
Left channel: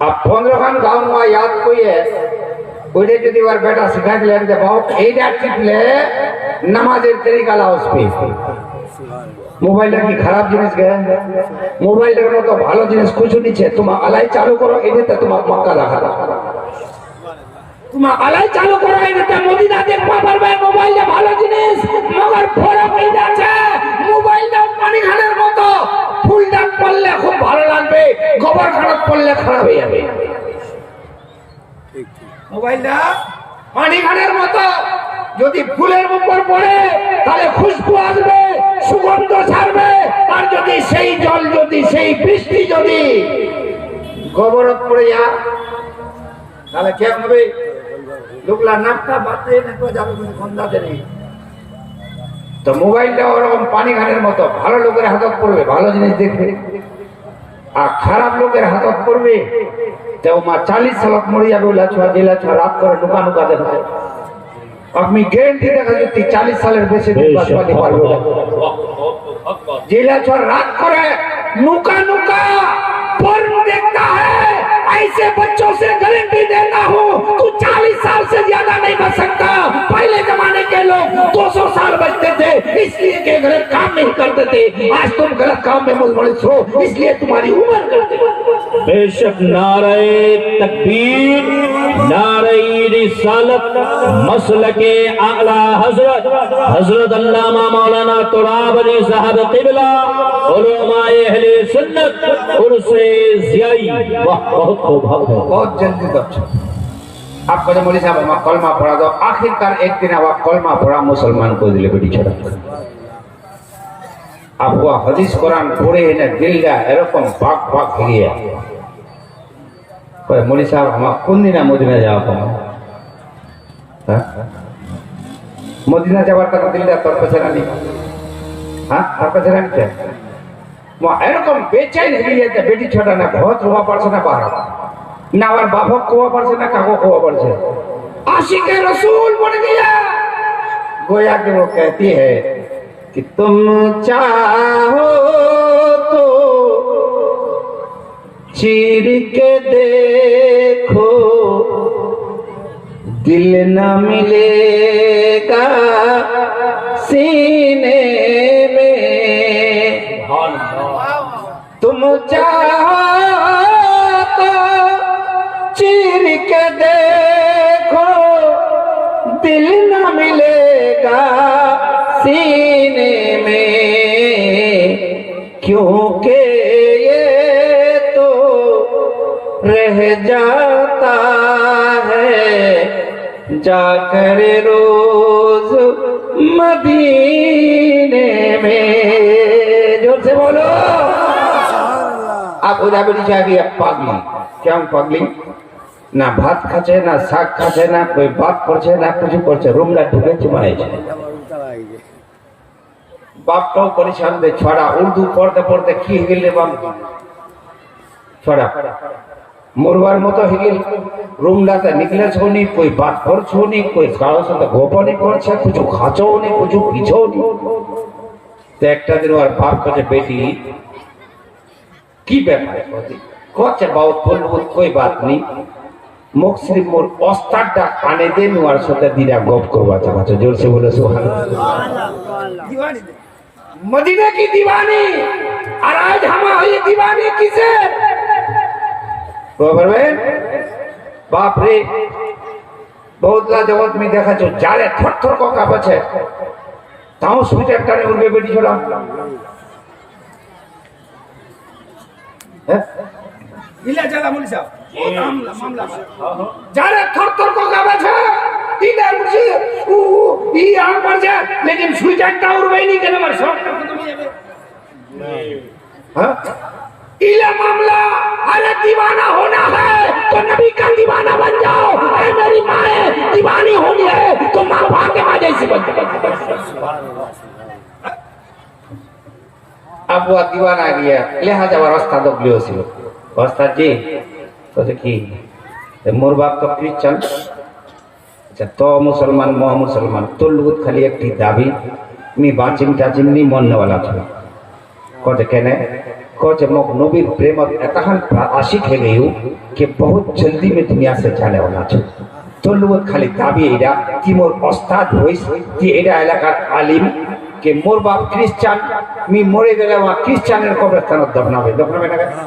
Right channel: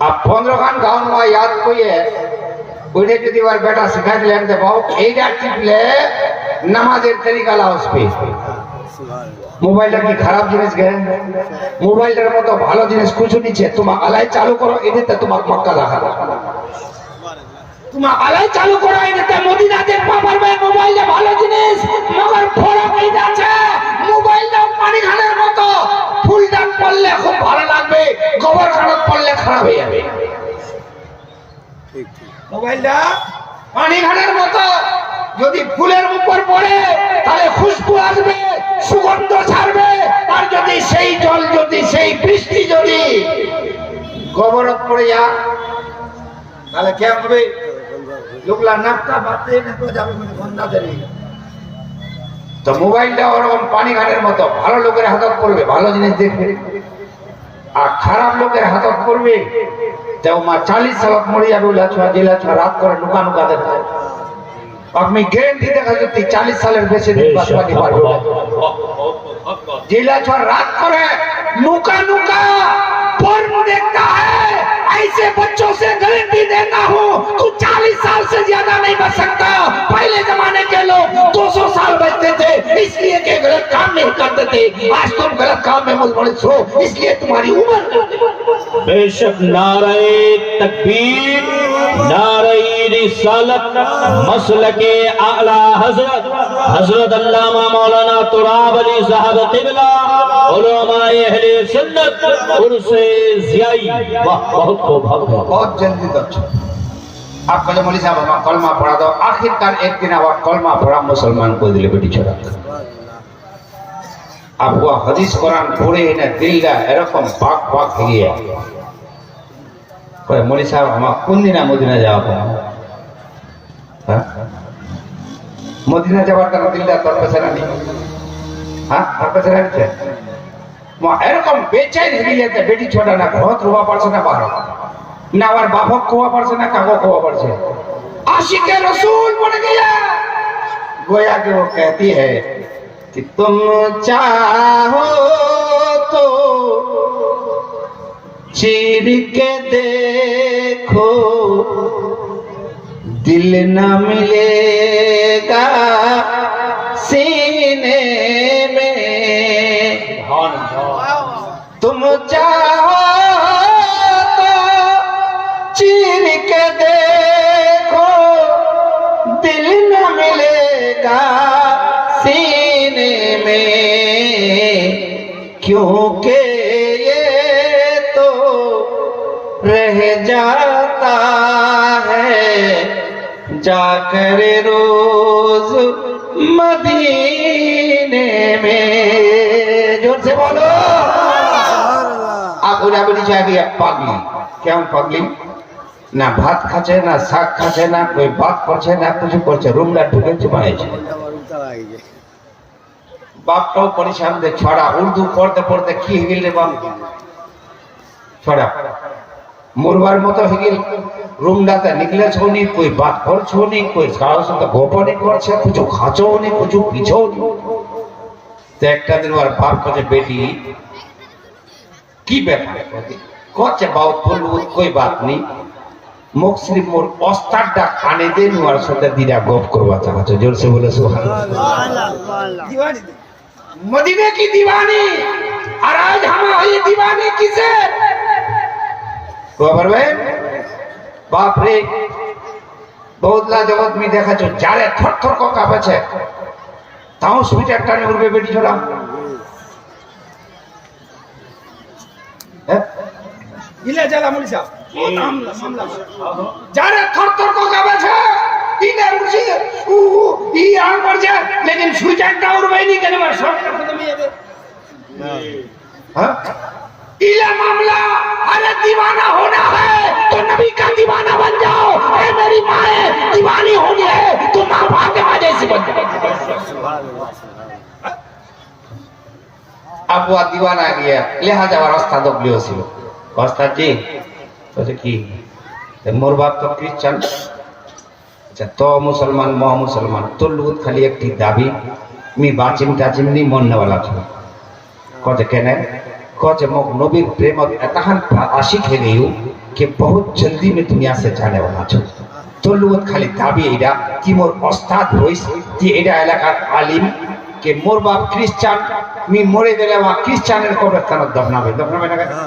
अब 15 खान गाँव में याद कोई है कोई যদি ওর বেটা শিখাই দিলেন যে বাবু এইটা টিপলে নামাজের তরিকা লাও উস पे মোবাইলটা কি খারাপ জিনিস গে মোবাইলের মতো ভালো জিনিস কিছু নিচে তোমার আলাই চালু করো এটাতে তোমার মক্কা রাখা তোমার আলাই চালু করো এটাতে মদিনা দেখবা পারবে মোবাইলে ভালো জিনিস মগর বড় কইটা আছে মোবাইলটা পানি খানের মতো ফুলটা পড়লে খুব ভালো লাগবে গোবর খারাপ পড়লে খারাপ হয়ে যাবে মোবাইলটা পানি খানের মতো যদি ফুলের উপর পড়ে তাহলে খুশবু আসবে সুগন্ধ ছাড়বে আর যদি সেই জল যদি সেই বৃষ্টি যদি গোবরত পড়ে যায় তাহলে কি হবে লোকলা নাকটা বাতে না তো যাবে মানে গন্ধা দেবে তো মোবাইলটা ওরকম পানি খানের মতো ভালো লোকের হাতত পড়বে ভালো জিনিস দেখবে আর খারাপ লোকের হাতত পড়বে तो मां 40 साल मरी जाबे लाछवा जेला छवा रात कर नुका नुका देखा अपनी गारंटी देखा कि 40 साल बेसी दिन बचवा नहीं पारबो जेला छवा रात करे नुका नुका पर्न देखता है ऐसे बच्चों से गारंटी देता हूं तू 40 साल से ज्यादा नहीं बच सकता पहले जमाने के लोग 200 साल बचते थे इसलिए के गलत काम नहीं करते थे आज तुम गलत काम में मुलविस हो इसलिए तुम्हारी उम्र बेशक नारे तकबीर नारे रिसालत मसलके आला हजरत हजरत अल्लामा मौलाना तुराब अली साहब क़िबला उलमाए अहले सुन्नत उर्से ज़ियाई वाह बहुत सौभाग्य है बहुत जल्दी तक आपका जो मौलवी साहब हमारा कलमा पढ़ा दो आखिरकार एक दिन आप कलमा पढ़ा मुसलमान को दिले बेटी छोड़ा आपको हदीस कुरान पढ़े ना दिल का एरकम पाक पाक हिलिया कोई मौलवी साहब हम कौन दिन मदीना जावा पाओ हां मदीना जावा तक दिल का तर पैसा नहीं हां तर पैसा नहीं है मो एरकम बेचैन हिलिया ते बेटी छोड़ा ना बहुत रोवा पड़ছে ना बाहर ना और बाबा कोवा पड़ছে ना कागो कोवा पड़ছে आशिक रसूल बन गया गोया के वो कहती है कि तुम चाहो तो चीर के देखो दिल न मिलेगा सीने में तुम चाहो तो चीर के देखो दिल न मिलेगा सीने में क्योंकि ये तो रह जाता है जाकर रोज मदीने में जोर से बोलो आप उड़ा बड़ी जाएगी पागली क्यों पागली ना भात खाचे ना शाक खाचे ना कोई बात करছে না কিছু করছে রুমলা ঢুকে চুমাইছে বাপটাও পরিশ্রম দে ছড়া উর্দু পড়তে পড়তে কি হইল রে বাপ ছড়া মুরবার মতো হইল রুমলাতে নিকলে ছোনি कोई बात করছো নি कोई কারোর সাথে গোপনে করছে কিছু খাচো নি কিছু পিছো নি তো একটা দিন ওর বাপ কাছে বেটি কি ব্যাপার করছে বাপ বলল कोई बात नहीं मुस्लिम मोर ओस्तादটা কানে দেন ওর সাথে দিরা গপ করবা চাচ্ছ জোর से बोलो सुभान अल्लाह दीवानी मदीने की दीवानी और आज हमारी दीवानी किसे खबर में बाप रे बहुतला जगत में देखा जो जारे थर थर को कापे छे ताऊ स्वीट একটা ने उड़बे बेटी छोड़ा इला जाला मौलवी साहब मामला जारे थर थर को कापे छे इने उड़छे ई आ पर जा लेकिन स्वीट একটা उड़बे नहीं केने मार सब खत्म हो जाबे हां इला मामला अरे दीवाना होना है तो नबी का दीवाना बन जाओ ए मेरी मां है दीवानी होनी है तो मां फातिमा जैसी बन अब वो दीवाना आ गया लिहाजा रास्ता दबलियो ছিল ওস্তাদ জি তো কি মোর বাপ তো খ্রিস্টান আচ্ছা তো মুসলমান মহা মুসলমান তোর লোক খালি একটি দাবি मी बाचिम टाचिम नहीं मन वाला था कौन कहने कौन मोक नबीर प्रेम एतहान आशिक है गई हूँ कि बहुत जल्दी में दुनिया से जाने वाला छो तो लोग खाली दाबी एडा कि मोर उस्ताद होइस कि एडा इलाका आलिम के मोर बाप क्रिश्चियन मी मोरे गेले वा क्रिश्चियनर कब्रस्तान दफनाबे ना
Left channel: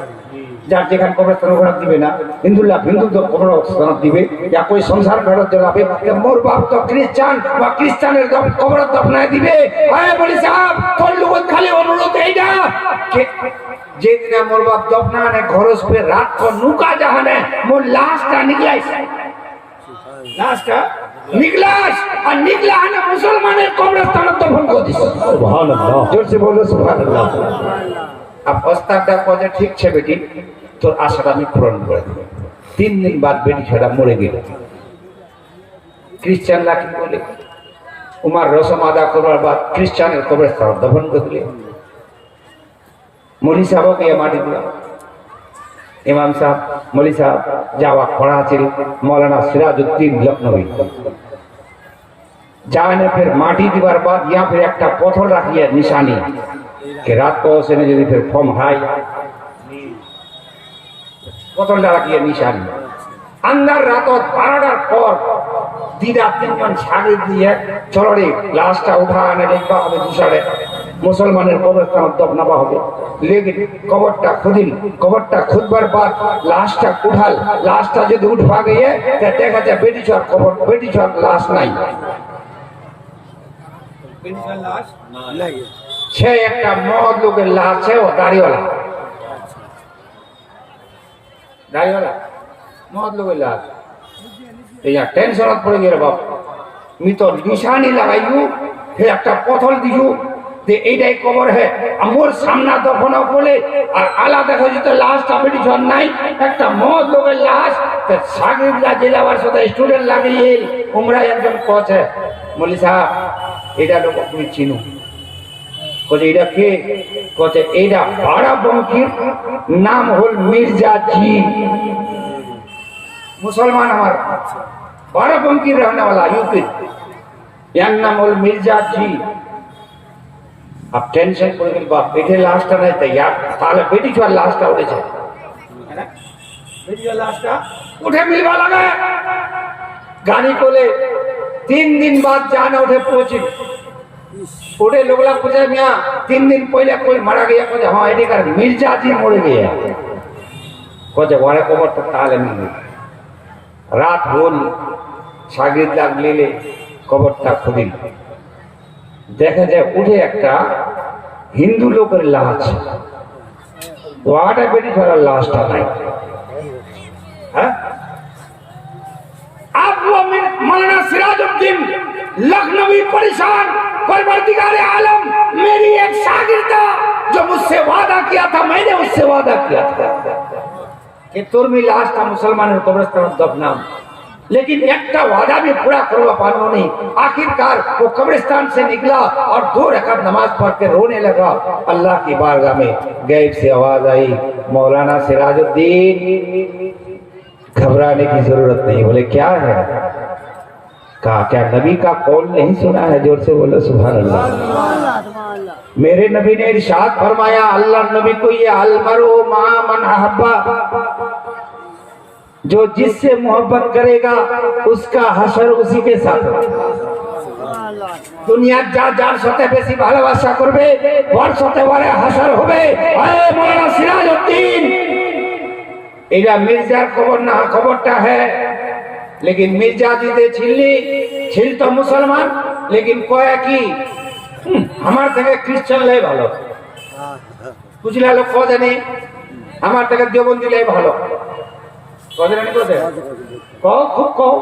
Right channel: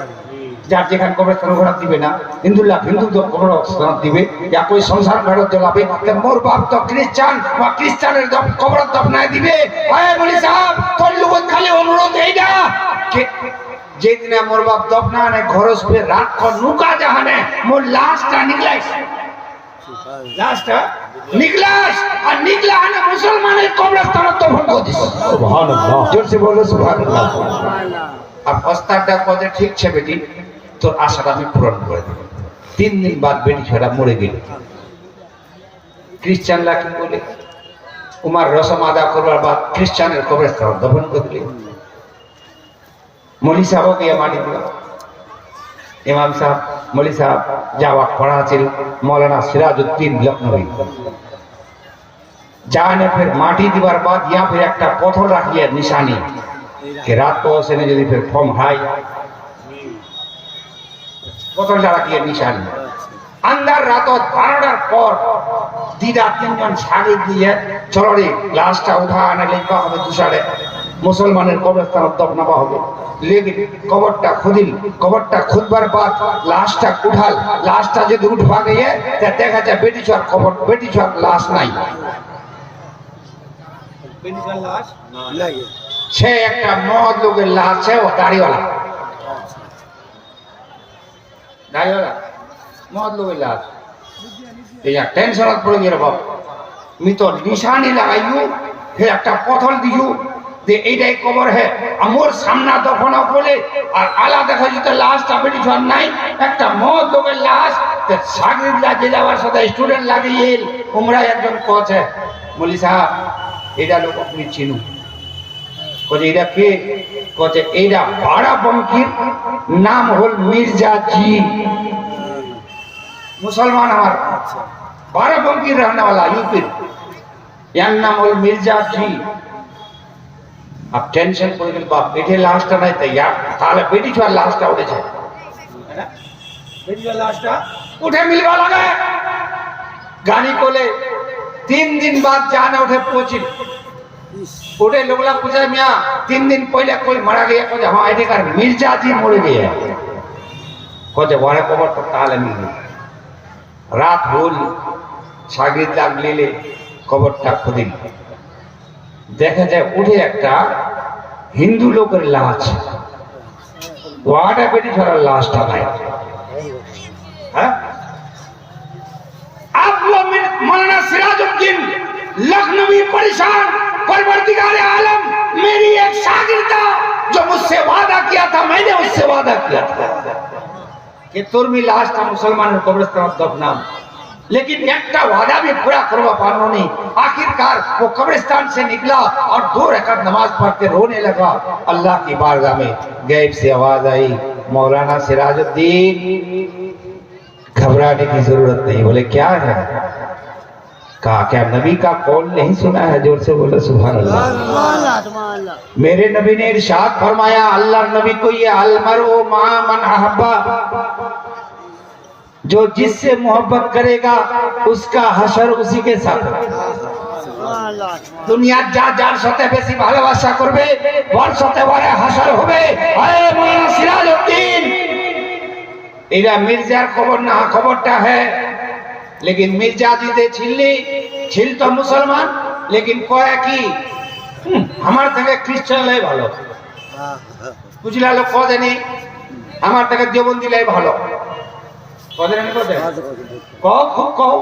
যার যেখানে কবরস্থান ওখানে দিবে না হিন্দুরা হিন্দু কবরস্থান দিবে या कोई संसार ঘাটত জ্বলাবে তে মোর বাপ তো ক্রিশ্চিয়ান বা ক্রিশ্চিয়ানের কবর দফনায় দিবে আয় বলি সাহেব কোন লোক খালি অনুরোধ এইটা কে যেদিন মোর বাপ দফনানে ঘরস পে রাত কো নুকা জাহানে মোর লাশটা নিকলাইস লাশটা নিকলাস আর নিকলা না মুসলমানের কবরস্থান দফন করে দিস সুবহানাল্লাহ জোরসে বলো সুবহানাল্লাহ अब अस्ताटा कहे ठीक है बेटी तो आशाटा मैं पूरण कर दी 3 दिन बाद बेटी छोड़ा मरे गई क्रिश्चियन लाखी बोले उमार रसम आदा करवार बाद क्रिश्चियन कब्रस्तान दफन कर दिले मौलवी साहब के माटी दिला इमाम साहब मौलवी साहब जावा पढ़ा चिल मौलाना सिराजुद्दीन लखनवी जाने फिर माटी दीवार बाद यहाँ फिर एक पत्थर रखिए निशानी कि रात को से ने यदि फिर फॉर्म हाई पत्थर रखिए निशानी अंदर रात 12টার পর দিদা তিনজন ছাগল দিয়ে চলো রে লাশটা উঠা আনা লিখবা হবে দুসারে মুসলমানের কবরস্থান দফনাবা হবে लेकिन कबरটা খুদবার बाद লাশটা উঠাল লাশটা যদি উঠবা গিয়ে তে দেখা যায় বেটি ছোট কবর বেটি ছোট লাশ নাই বেটি ছোট লাশ নাই छे एक मौत लोग लाश है वो दाढ़ी वाला मौत लोग लाश या टेंशन पड़ गया बाप मी तो निशानी लगाइयो फिर एक पथल दियो যে এইটাই কবর है আমার সামনে দফনা বলে আর আলাদা হয়ে যেতে লাশটা বেটি জন নাই একটা মদ লোকের লাশ তে সাগরিদ লাগে যাওয়ার সাথে স্টুডেন্ট লাগিয়ে উমরা একজন কোচ है মৌলভী সাহেব এটা লোক আপনি চিনো कोचे इडा के कोचे इडा बाराबंकीर नाम होल मिर्जा जी मुसलमान हमार बाराबंकीर रहने वाला यूपी यार नाम होल मिर्जा जी अब टेंशन कर गई बाप बेटे लास्ट नहीं तैयार ताले बेटी छोड़ लास्ट उठे छे है ना बेटी छोड़ लास्ट उठे मिलवा लगे गाड़ी को ले 3 दिन बाद जाने उठे पहुंची उठे लोगला पूछा मियाँ 3 दिन पहले कोई मरा गया कहे हाँ आईडी कार्ड मिर्जा जी मर गया कहे बड़े कबर तो ताले मिल रात होल सागिद लाग ले कबरটা खुदिल देखा जाए उठे एक हिंदू लोकर लाश वाटा बेटी छोड़ा लाशटा নাই হ্যাঁ आप वो मौलाना सिराजुद्दीन लखनवी परेशान परवरदिगार आलम मेरी एक शागिर्द जो मुझसे वादा किया था मैंने उससे वादा किया था कि तुर्मी लाश का मुसलमान कब्रिस्तान दफनाम लेकिन एक वादा भी पूरा करवा पाना नहीं आखिरकार वो कब्रिस्तान से निकला और 2 रकात नमाज पढ़ के रोने लगा अल्लाह की बारगाह में गैब से आवाज आई मौलाना सिराजुद्दीन घबराने की जरूरत नहीं बोले क्या है कहा क्या नबी का कौल नहीं सुना है जोर से बोलो सुभान अल्लाह मेरे नबी ने इरशाद फरमाया अल्लाह नबी को ये अलमरो मा मन अहब्बा जो जिससे मोहब्बत करेगा उसका हशर उसी के साथ दुनिया जा जार साथे बेसी ভালোবাসা করবে ওর সাথে ওরে হাসর হবে আরে মাওলানা সিরাজউদ্দিন এরা মির্জার খবর না খবরটা है लेकिन मिर्जा जी दे छिल तो मुसलमान लेकिन कहे कि हमार থেকে খ্রিস্টান লাই ভালো বুঝলা লোক কদে নেই আমার থেকে দেবন্দি লাই ভালো কদে নেই কদে কও খুব কও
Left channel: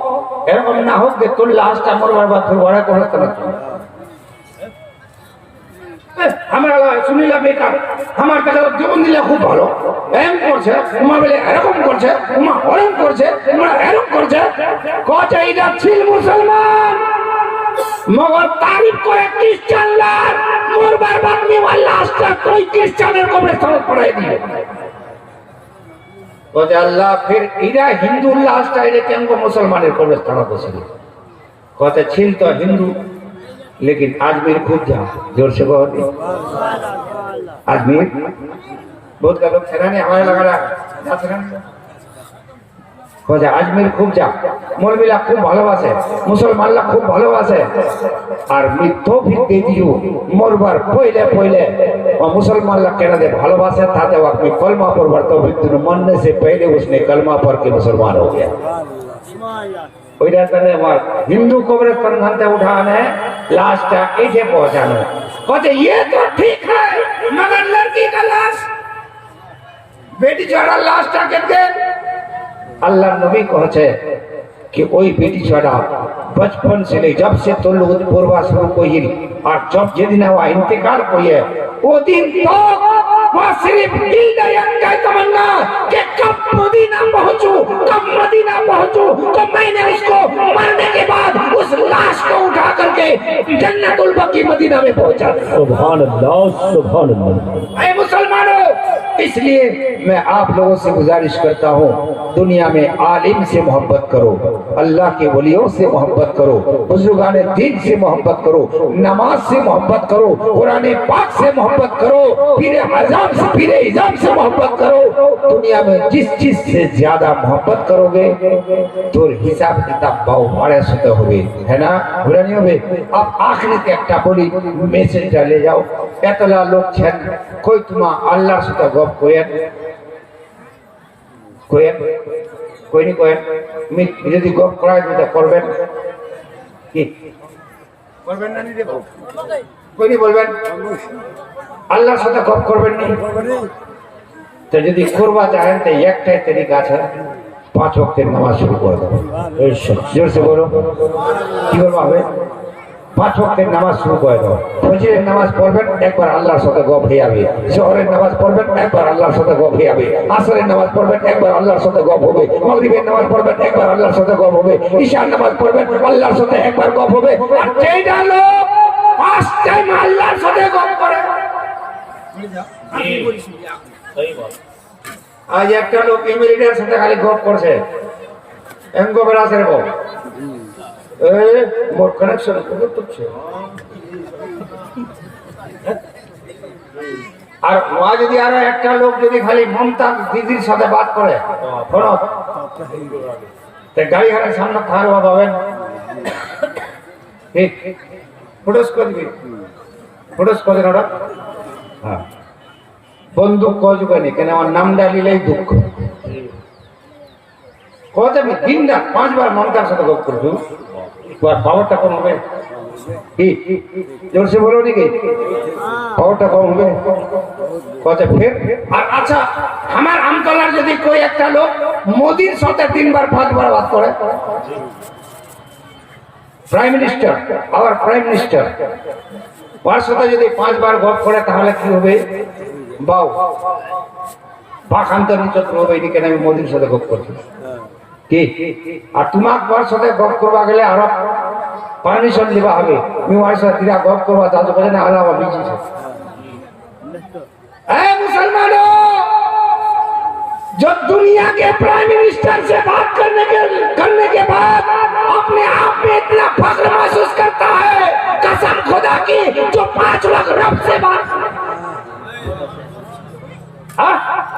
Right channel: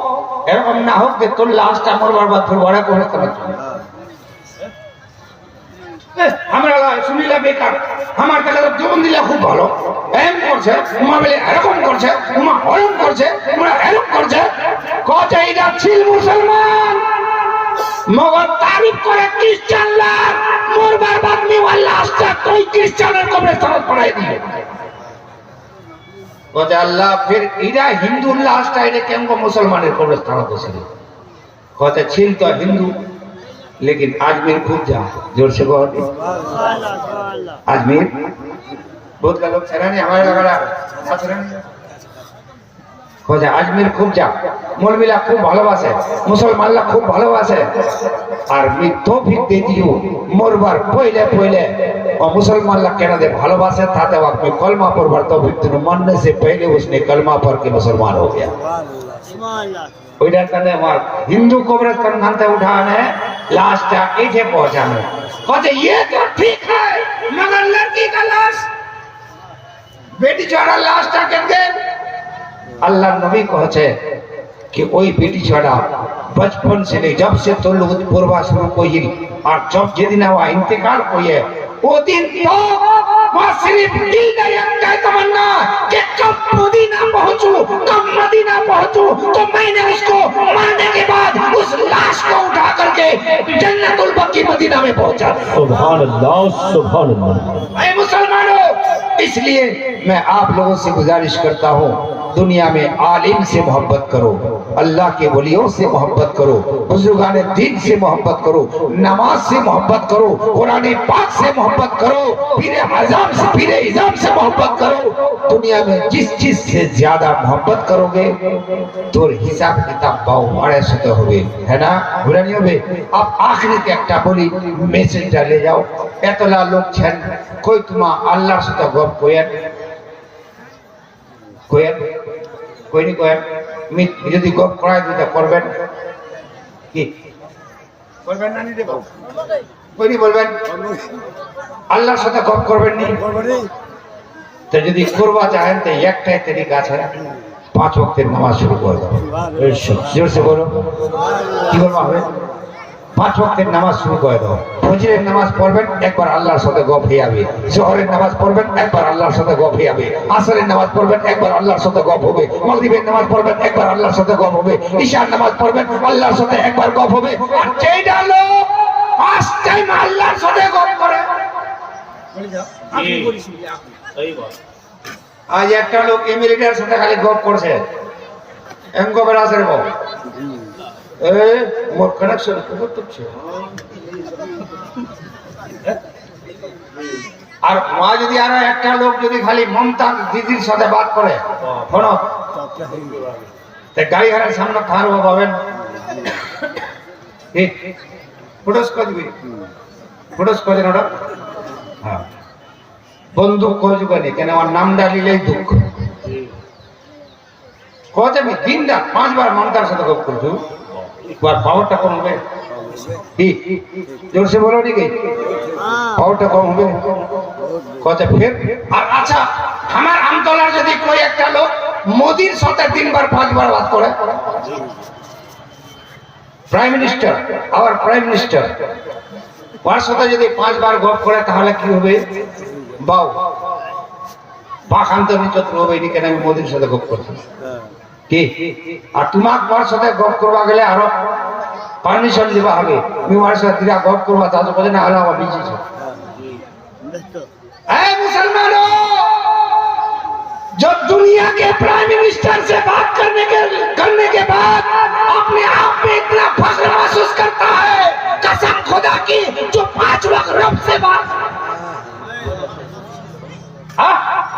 এরকম না হোক যে তোর লাশটা মরবার বাদ তোর বড় করতে না আমরা শুনিলা বেকার আমার কাছে দেবন্দি লাই খুব ভালো এম করছে উমা বলে এরকম করছে উমা ওরকম করছে উমা এরকম করছে কত এইটা ছিল মুসলমান মগর তারিফ করে খ্রিস্টান লোক মরবার বাদ নিওয়াল লাশটা তুই খ্রিস্টানের কবরস্থানে পড়াই দিলে ও যে আল্লাহ फिर ইরা হিন্দু লাশটা এটা কেন মুসলমানের কবরস্থানে বসিল कहते छिल तो हिंदू लेकिन अजमेर खूब जा, जोर से बहुत अजमेर बहुत का लोग छराने हमारे लगा रहा আজমির খুব যা, মৌলবীরা খুব ভালোবাসে, মুসলমানরা খুব ভালোবাসে। আর তৌফিক দিয়ে দিও মরবার পয়লে পয়লে और मुसलमानরা কেন দে ভালোবাসে তাতে আপনি কলমা পড়বার তৌফিক দিন, मरने से पहले उसने कलमा पढ़ के मुसलमान हो गया। ওইটার কারণে আমার হিন্দু কবরস্থান ভাঙতে উঠানে লাশটা এসে পৌঁছানো कहते ये तो ठीक है मगर लड़की का लाश बेटी छोड़ा लाशটা কেটে अल्लाह नबी कहते कि वही बेटी छोड़ा बचपन से नहीं, जब से तो लोग पूर्वा शुरू को ही और जब जिन हुआ इंतकाल को है वो दिन तो वहाँ सिर्फ दिल में एक तमन्ना कि कब मदीना पहुँचूं, कब मदीना पहुँचूं तो मैंने उसको मरने के बाद उस लाश को उठा करके जन्नतुल बकी मदीना में पहुँचा। सुभान अल्लाह, सुभान अल्लाह। ऐ मुसलमानों, इसलिए मैं आप लोगों से गुजारिश करता हूँ दुनिया में आलिम से मोहब्बत करो, अल्लाह के वलियों से मोहब्बत करो, बुजुर्गाने दीन से मोहब्बत करो, नमाज से मोहब्बत करो, कुरान पाक से मोहब्बत करो, पीरे इज़ाम से मोहब्बत करो। दुनिया में जिस चीज से ज्यादा मोहब्बत करोगे तो हिसाब किताब पाओ बड़े सुते हुए है ना, बुरा नहीं होगे। अब आखिरी के একটা বলি মেসেজটা ले जाओ, এতলা লোক ছেন কই তোমা আল্লাহর সাথে গপ কইেন কইেন কই নি কইেন মিট যদি গপ করায় দিতে করবেন কি করবেন না নি রে বাবু কই নি বলবেন আল্লাহর সাথে গপ করবেন নি তো যদি করবা চাহেন তো একটাই তরিকা আছে, 5 ওয়াক্তের নামাজ শুরু করে দাও। জোর से बोलो কি করবা হবে 5 ওয়াক্তের নামাজ শুরু করে দাও। ফজরের নামাজ পড়বেন একবার আল্লাহর সাথে গপ হয়ে যাবে, জোহরের নামাজ পড়বেন একবার আল্লাহর সাথে গপ হয়ে যাবে, আসরের নামাজ পড়বেন একবার আল্লাহর সাথে গপ হবে, মাগরিবের নামাজ পড়বেন একবার আল্লাহর সাথে গপ হবে, ঈশার নামাজ পড়বেন আল্লাহর সাথে একবার গপ হবে। আর যেইটা লোক ফার্স্ট টাইম আল্লাহর সাথে গপ করে বলে যাও আপনি বলিস নি আপনি সহি বল। আজ একটা লোক ইমিলিটার সাথে খালি গপ করছে এমকো বড় আসরে বল এ মোর কানেকশন বহুত আছে। আর ওয়া যদি আর একটা লোক যদি খালি মমতা দিদির সাথে বাত করে শোনো তে গাড়ি ঘরের সামনে থারবা পাবেন ঠিক ফটোস করে দিবি, ফটোস করে ওটা হ্যাঁ বন্দুক কজুকানি কেন আমার নাম ডালিলেই দুঃখ কত আমি দিন রাত 5 বার মমতার সাথে গপ করছো और पावरটা कम হবে কি जोर से बोलो नहीं गई पावरটা कम হবে কত फिर আর আচ্ছা আমার আমতলার যদি कोई একটা লোক মোদির সাথে 3 বার 5 বার বাত করে প্রাইম মিনিস্টার আবার প্রাইম মিনিস্টার ওর সাথে যদি 5 বার গপ করে তাহলে কি হবে বাও পাখান্ত নিচত্র হবে এদিকে আমি মোদির সাথে গপ করছি কি আর তোমার ওর সাথে গপ করবা গেলে আরো পারমিশন দিবা হবে, তুমি ওর সাথে দিরা গপ করবা তা তো বলে না আলাদা বিজি আছে। ए मुसलमानों, जब दुनिया के प्राइम मिनिस्टर से बात करने के बाद अपने आप में इतना फख्र महसूस करता है, कसम खुदा की जो 5 वक्त रब से बात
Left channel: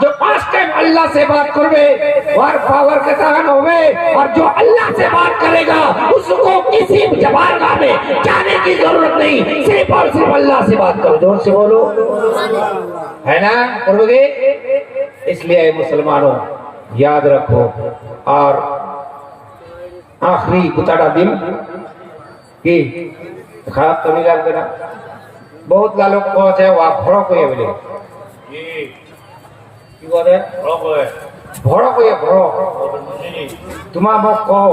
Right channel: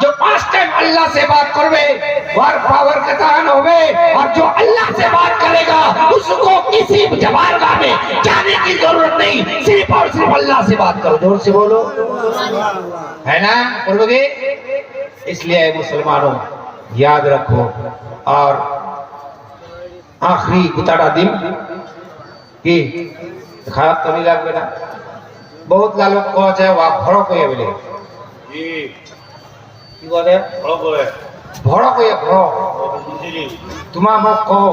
जो 5 टाइम अल्लाह से बात करवे और पावर का तान होवे, और जो अल्लाह से बात करेगा उसको किसी जबारगाह में जाने की जरूरत नहीं, सिर्फ और सिर्फ अल्लाह से बात करो। जोर से बोलो है ना, करोगे। इसलिए मुसलमानों याद रखो। और आखिरी गुताड़ा दिन की खराब तो नहीं लगবে না, बहुत गालो कह है वहाँ फड़क হয়ে বলে কি বলে ভড়ক হয়ে ভড়ক तुम्हारा मुख कहो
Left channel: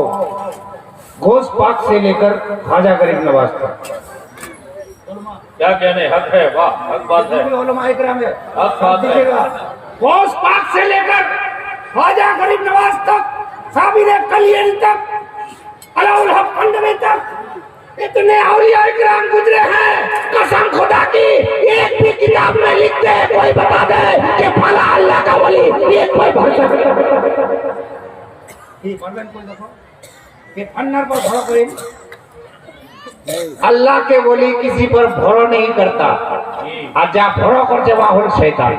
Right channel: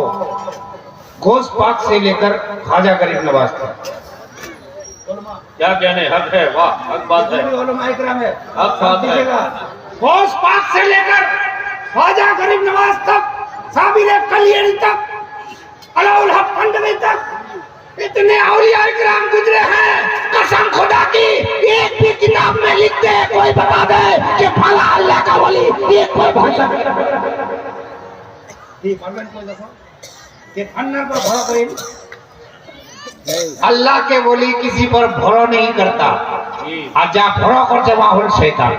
गोश पाक से लेकर खाजा गरीब नवाज तक क्या कहने हक है, वाह हक बात है, उलमा इकराम है हक बात है। गोश पाक से लेकर खाजा गरीब नवाज तक, साबिर कलियरी तक, अलाउल हक खंडवी तक इतने औलिया इकराम गुजरे हैं, कसम खुदा की एक भी किताब में लिखते हैं कोई बता दे कि फला अल्लाह का वली, एक कोई भाषा কি পারবেন কই দেখো কে ফান্নার পর ভরা করেন अल्लाह के बोली किसी पर भरो नहीं करता, और जहाँ भरो करते वहां हल शैतान।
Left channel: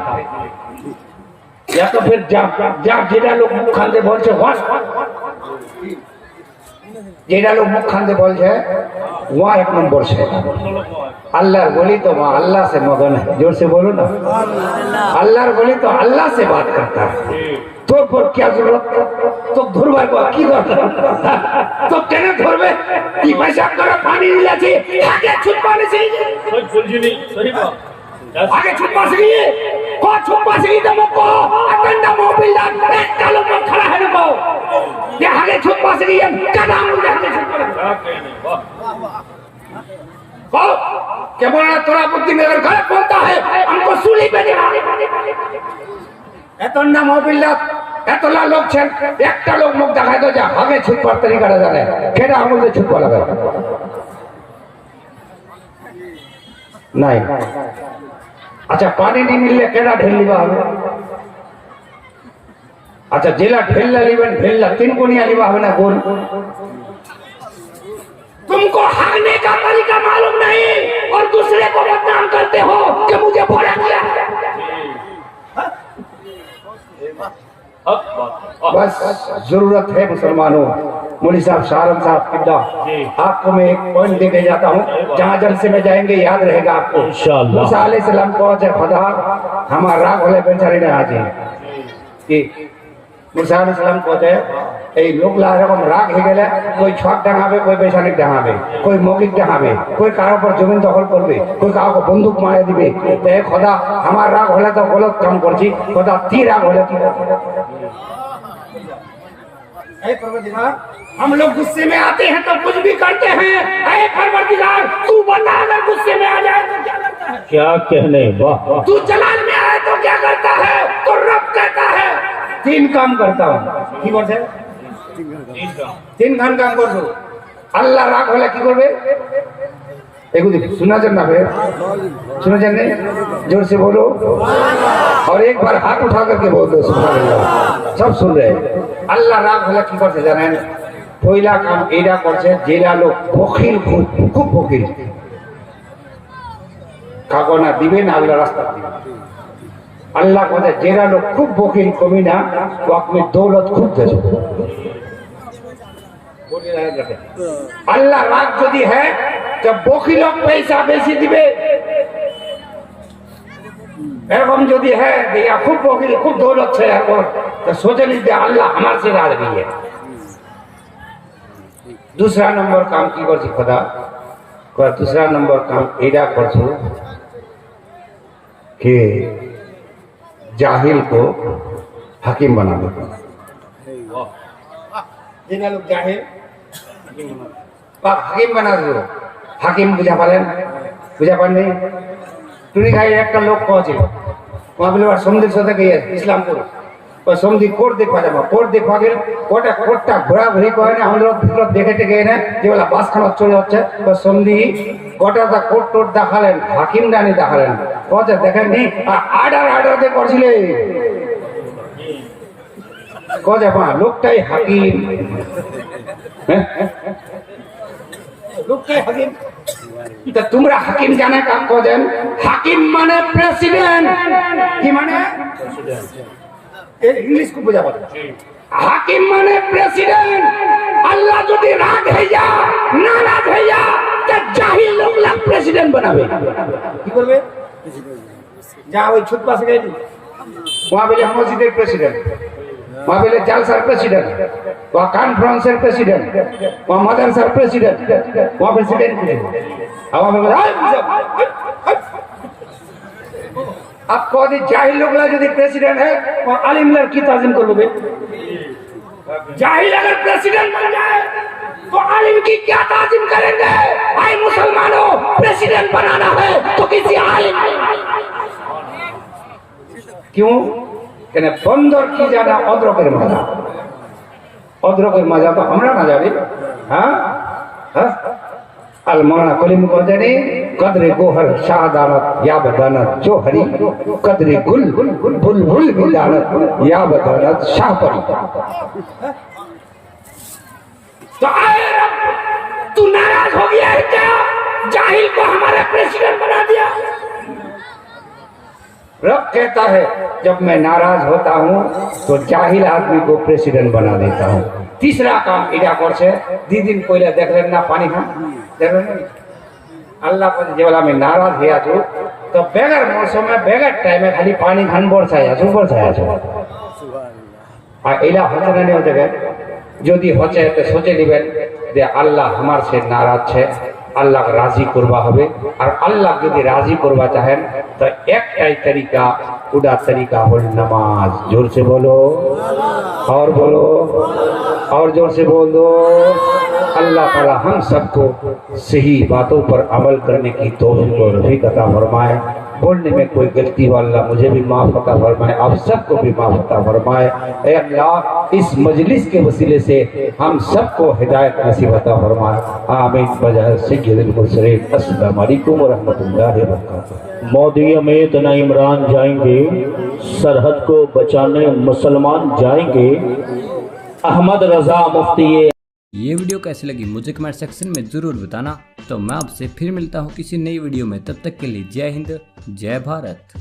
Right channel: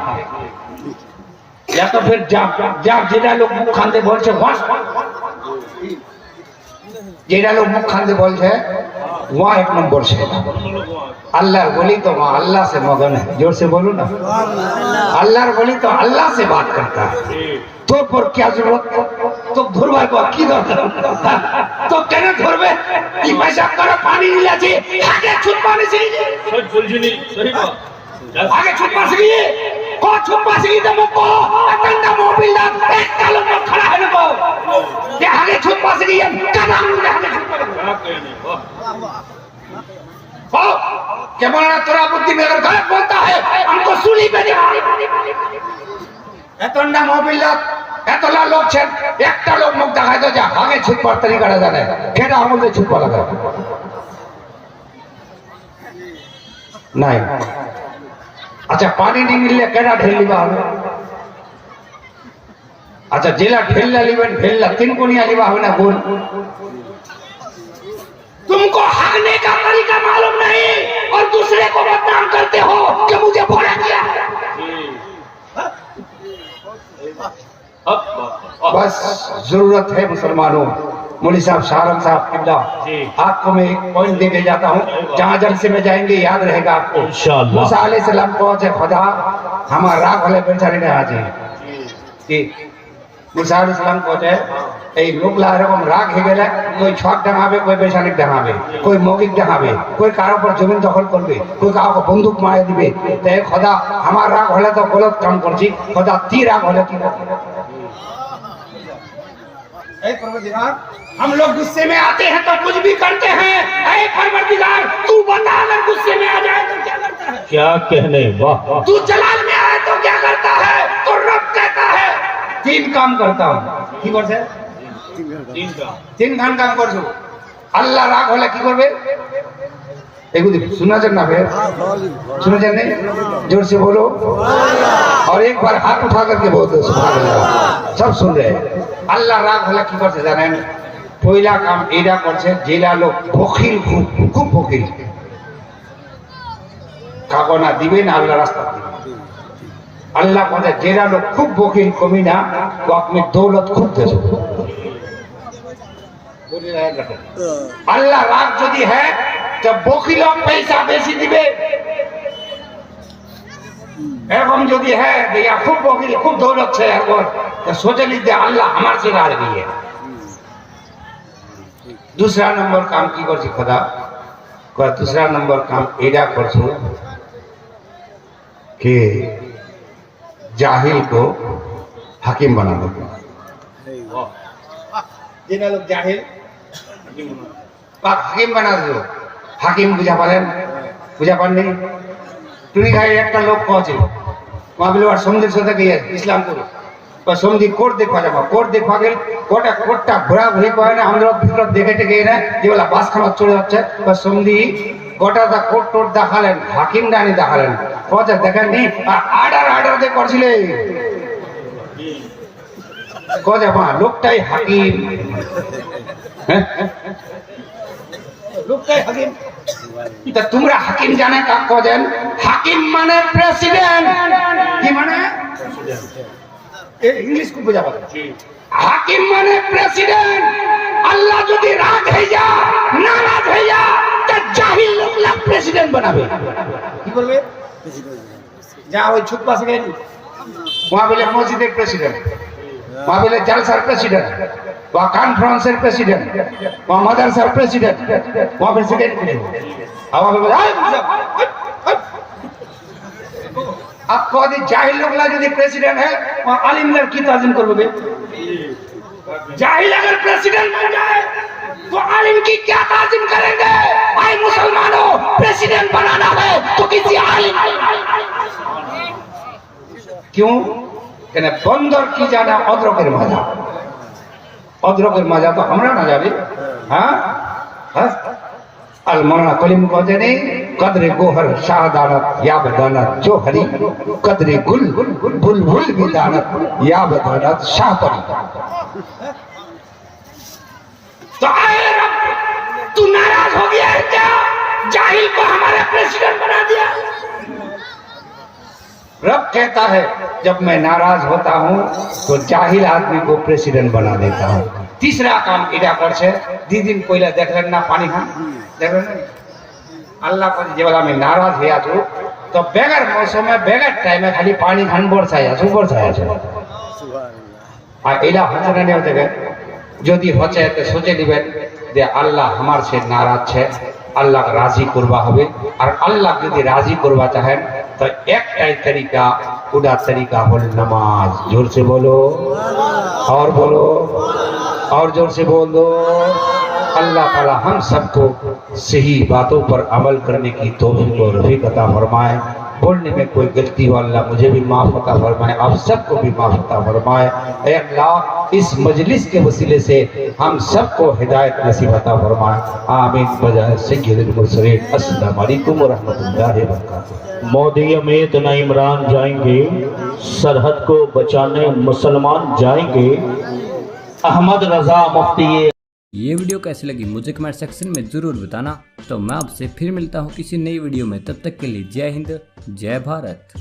या तो फिर जहाँ जेड़ा लोग मुख खाते बोल जेड़ा लोग मुख खाते बोल वहाँ एक नंबर शैतान। अल्लाह बोली तो वहाँ अल्लाह से मगन है, जोर से बोलो ना। अल्लाह बोली तो अल्लाह से बात करता है। तो पर क्या जरूरत तो धुरवा को की दरकार तो केने धुरवे ई पैसा करो पानी ले छी आगे छुप पानी से सुलझनी सही बात आगे छुप पा सकी को छुप पा सकी तो मुको अतंडा मोबिल दा एक कालो में खड़ा है नको ये आगे छुप पा सकी कदम ले आगे छुप पा क्या कहने वाह हो क्या बोला तोरा बुद्धि में अगर गलत बोलता है हमको सूली पे दिखा এতটা মোবিলত এতলা লোক ছেন একটা লোক মুখ দেখা তো যা আগে ছুটবার তরিকাটা জানে কেডা আমলে ছুটবা লাগে নাই আচ্ছা পানি নি মিললে কেডা ঢেলিবা হবে আচ্ছা জেলা ঢেললা লিবেন ঢেললা তিন কোনিয়া লিবা হবে না গোল तुमको हगने का तरीका मालूम नहीं और दूसरे को बदनाम करते हो कि मुझे भरा किया बस जरूरत है मुसलमानों। मौलवी साहब शाहरुख साहब किबला आपको मैं एक पॉइंट देके जाता हूँ, जहाँ जलसे में जाएंगे याद रहेगा आपको। इंशाअल्लाह मूसा अलैहिस्सलाम को जे खुदा हमारा राग वाले बेचारे ने आज कि मूसा अलैहिस्सलाम को जे এই লোকলা এরকম রাগ হয়ে গেলে कोई ছক ডাঙাবে कोई বেশানিক ডাঙাবে कोई মৌখিক ডাঙাবে कोई কারোর উপর জমিন দখল করবে कोई কাউকে বন্দুক মারা দিবে তাই খোদা আমার রাগ হলে তো গলত কাম করছি খোদা ती রাগ হলে কি ऐ परवरदिगार हम लोग गुस्से में आते हैं तो कुछ भी करते हैं। ऐ परवरदिगार तू बता अगर गुस्से में आ जाए तो क्या करता है? क्या कहने वाह तू जलाल में आए तो क्या करता है? तो रब कहता है तीन काम करता हूँ की করছে তিন ঘন্টা কাম করছো আল্লাহ রাগ হলে কি করবে এগুলি শুনেছেন না ভাই শুনেছেন না जोर से बोलो और एक बार हाथ उठा करके बोल दो सुभान अल्लाह सब सुन रहे हैं। আল্লাহ রাগ হলে কি করছে জানেন পয়লা কাম এইটা করছে জেলা লোক বখিল খুব বখিল কাগো না দিবে না আল্লাহ রাস্তা দিবে अल्लाह कहते जेरा लोग खूब वकील कमी ना वो अपनी दौलत खूब दे अल्लाह राग यदि है जब वकील पैसा बेसी दिबे एवं यदि है या खूब वकील खूब दौलत है तो सोचे नहीं दे अल्लाह हमारे से राग भी है। दूसरा नंबर काम की कर खुदा दूसरा नंबर काम एडा कर के जाहिल को हकीम बना दो। जिन लोग जाहिल हकीम बना दो हकीम बुझा पालेन बुझा पाने तुनी खाई एक लोग पहुंचे वहां बोले समुद्र साथे गए इस्लाम को और समुद्र कोर्ट देखा जाबा कोर्ट देखा गेल कोर्टा कोर्टा घोड़ा घोड़ी को ना हम लोग ভিতর দেখেতে গিয়ে না যে বলা বাস খানা চলে যাচ্ছে বা সন্ধি গোটা দা কোর্ট টোট দেখালেন হাকিম ডানি দেখালেন কথা দেখেন নি আর্ডার দে করছিলে কথা বা লোকটাই হাকিম লোকটাই হাকিম তা তোমরা হাকিম জানা কাজ করেন হাকিম মানে প্রেসিডেন্ট কি মানে इंग्लिश को बुझा पाता हाकिम माने प्रेसिडेंट अल्लाह यदि राग है जा नाराज है जा तो जाहिल लोग ला प्रेसिडेंट बनावे की करबे जा ওই ছুট পাশে গেল वहां बोले मस्जिদের প্রেসিডেন্ট वहां बोले জালসার প্রেসিডেন্ট वहां কনফারেন্সের প্রেসিডেন্ট वहां মাদ্রাসার প্রেসিডেন্ট वहां प्रेसिडेंट हवा में आप कह जाहिल लोग यदि प्रेसिडेंट है और आलिम की ताजीम कर लोगे जाहिल अगर प्रेसिडेंट बन जाए तो आलिम की क्या ताजीम करेंगे? भाई मुसलमानों प्रेसिडेंट बनाना है तो किसी आलिम क्यों कहने बंदर की जाना अदरकेर मजा तो हमरा ना जाने हाँ अलमाना कलीम को जाने कदरे गोहर शाहदानत या बदानत जो हरी कदरे गुल बुलबुल भी दानत या बदानत शाह परी तो आए रब तू नाराज हो गया है क्या जाहिल को हमारा प्रेसिडेंट बना दिया। रब कहता है जब मैं नाराज होता हूँ तो जाहिल आदमी को प्रेसिडेंट बना देता हूँ। तीसरा काम इडा कर दी दिन पहले देख लेना पानी खा देख लेना अल्लाह पर जेबला में नाराज हुआ तो बेगर मौसम में बेगर टाइम में खाली पानी खान बरसाया एला हचे ना नहीं होते यदि हचे तो सोचे दिबेन जे अल्लाह हमार से नाराज है अल्लाह राजी करवा हबे और अल्लाह यदि राजी करवा चाहें तो एकटाई तरीका उड़ा तरीका होल नमाज। जोर से बोलो और बोलो और जोर से बोल दो। अल्लाह ताला हम सबको सही बातों पर अमल करने की तौफीक और रफ़ीक अता फरमाए। बोलने में कोई गलती हो अल्लाह मुझे भी माफ अता फरमाए, आप सबको भी माफ अता फरमाए। ऐ अल्लाह इस मजलिस के वसीले से हम सबको हिदायत नसीब अता फरमाए। आमीन। बजाय सय्यदुल मुरसलीन। अस्सलाम वालेकुम व रहमतुल्लाहि व बरकातहू। मोदी अमीत न इमरान जाएंगे, सरहद को बचाने मुसलमान जाएंगे। अहमद रजा मुफ्ती। ये वीडियो कैसी लगी मुझे कमेंट सेक्शन में ज़रूर बताना। तो मैं आपसे फिर मिलता हूँ किसी नई वीडियो में, तब तक के लिए जय हिंद जय भारत।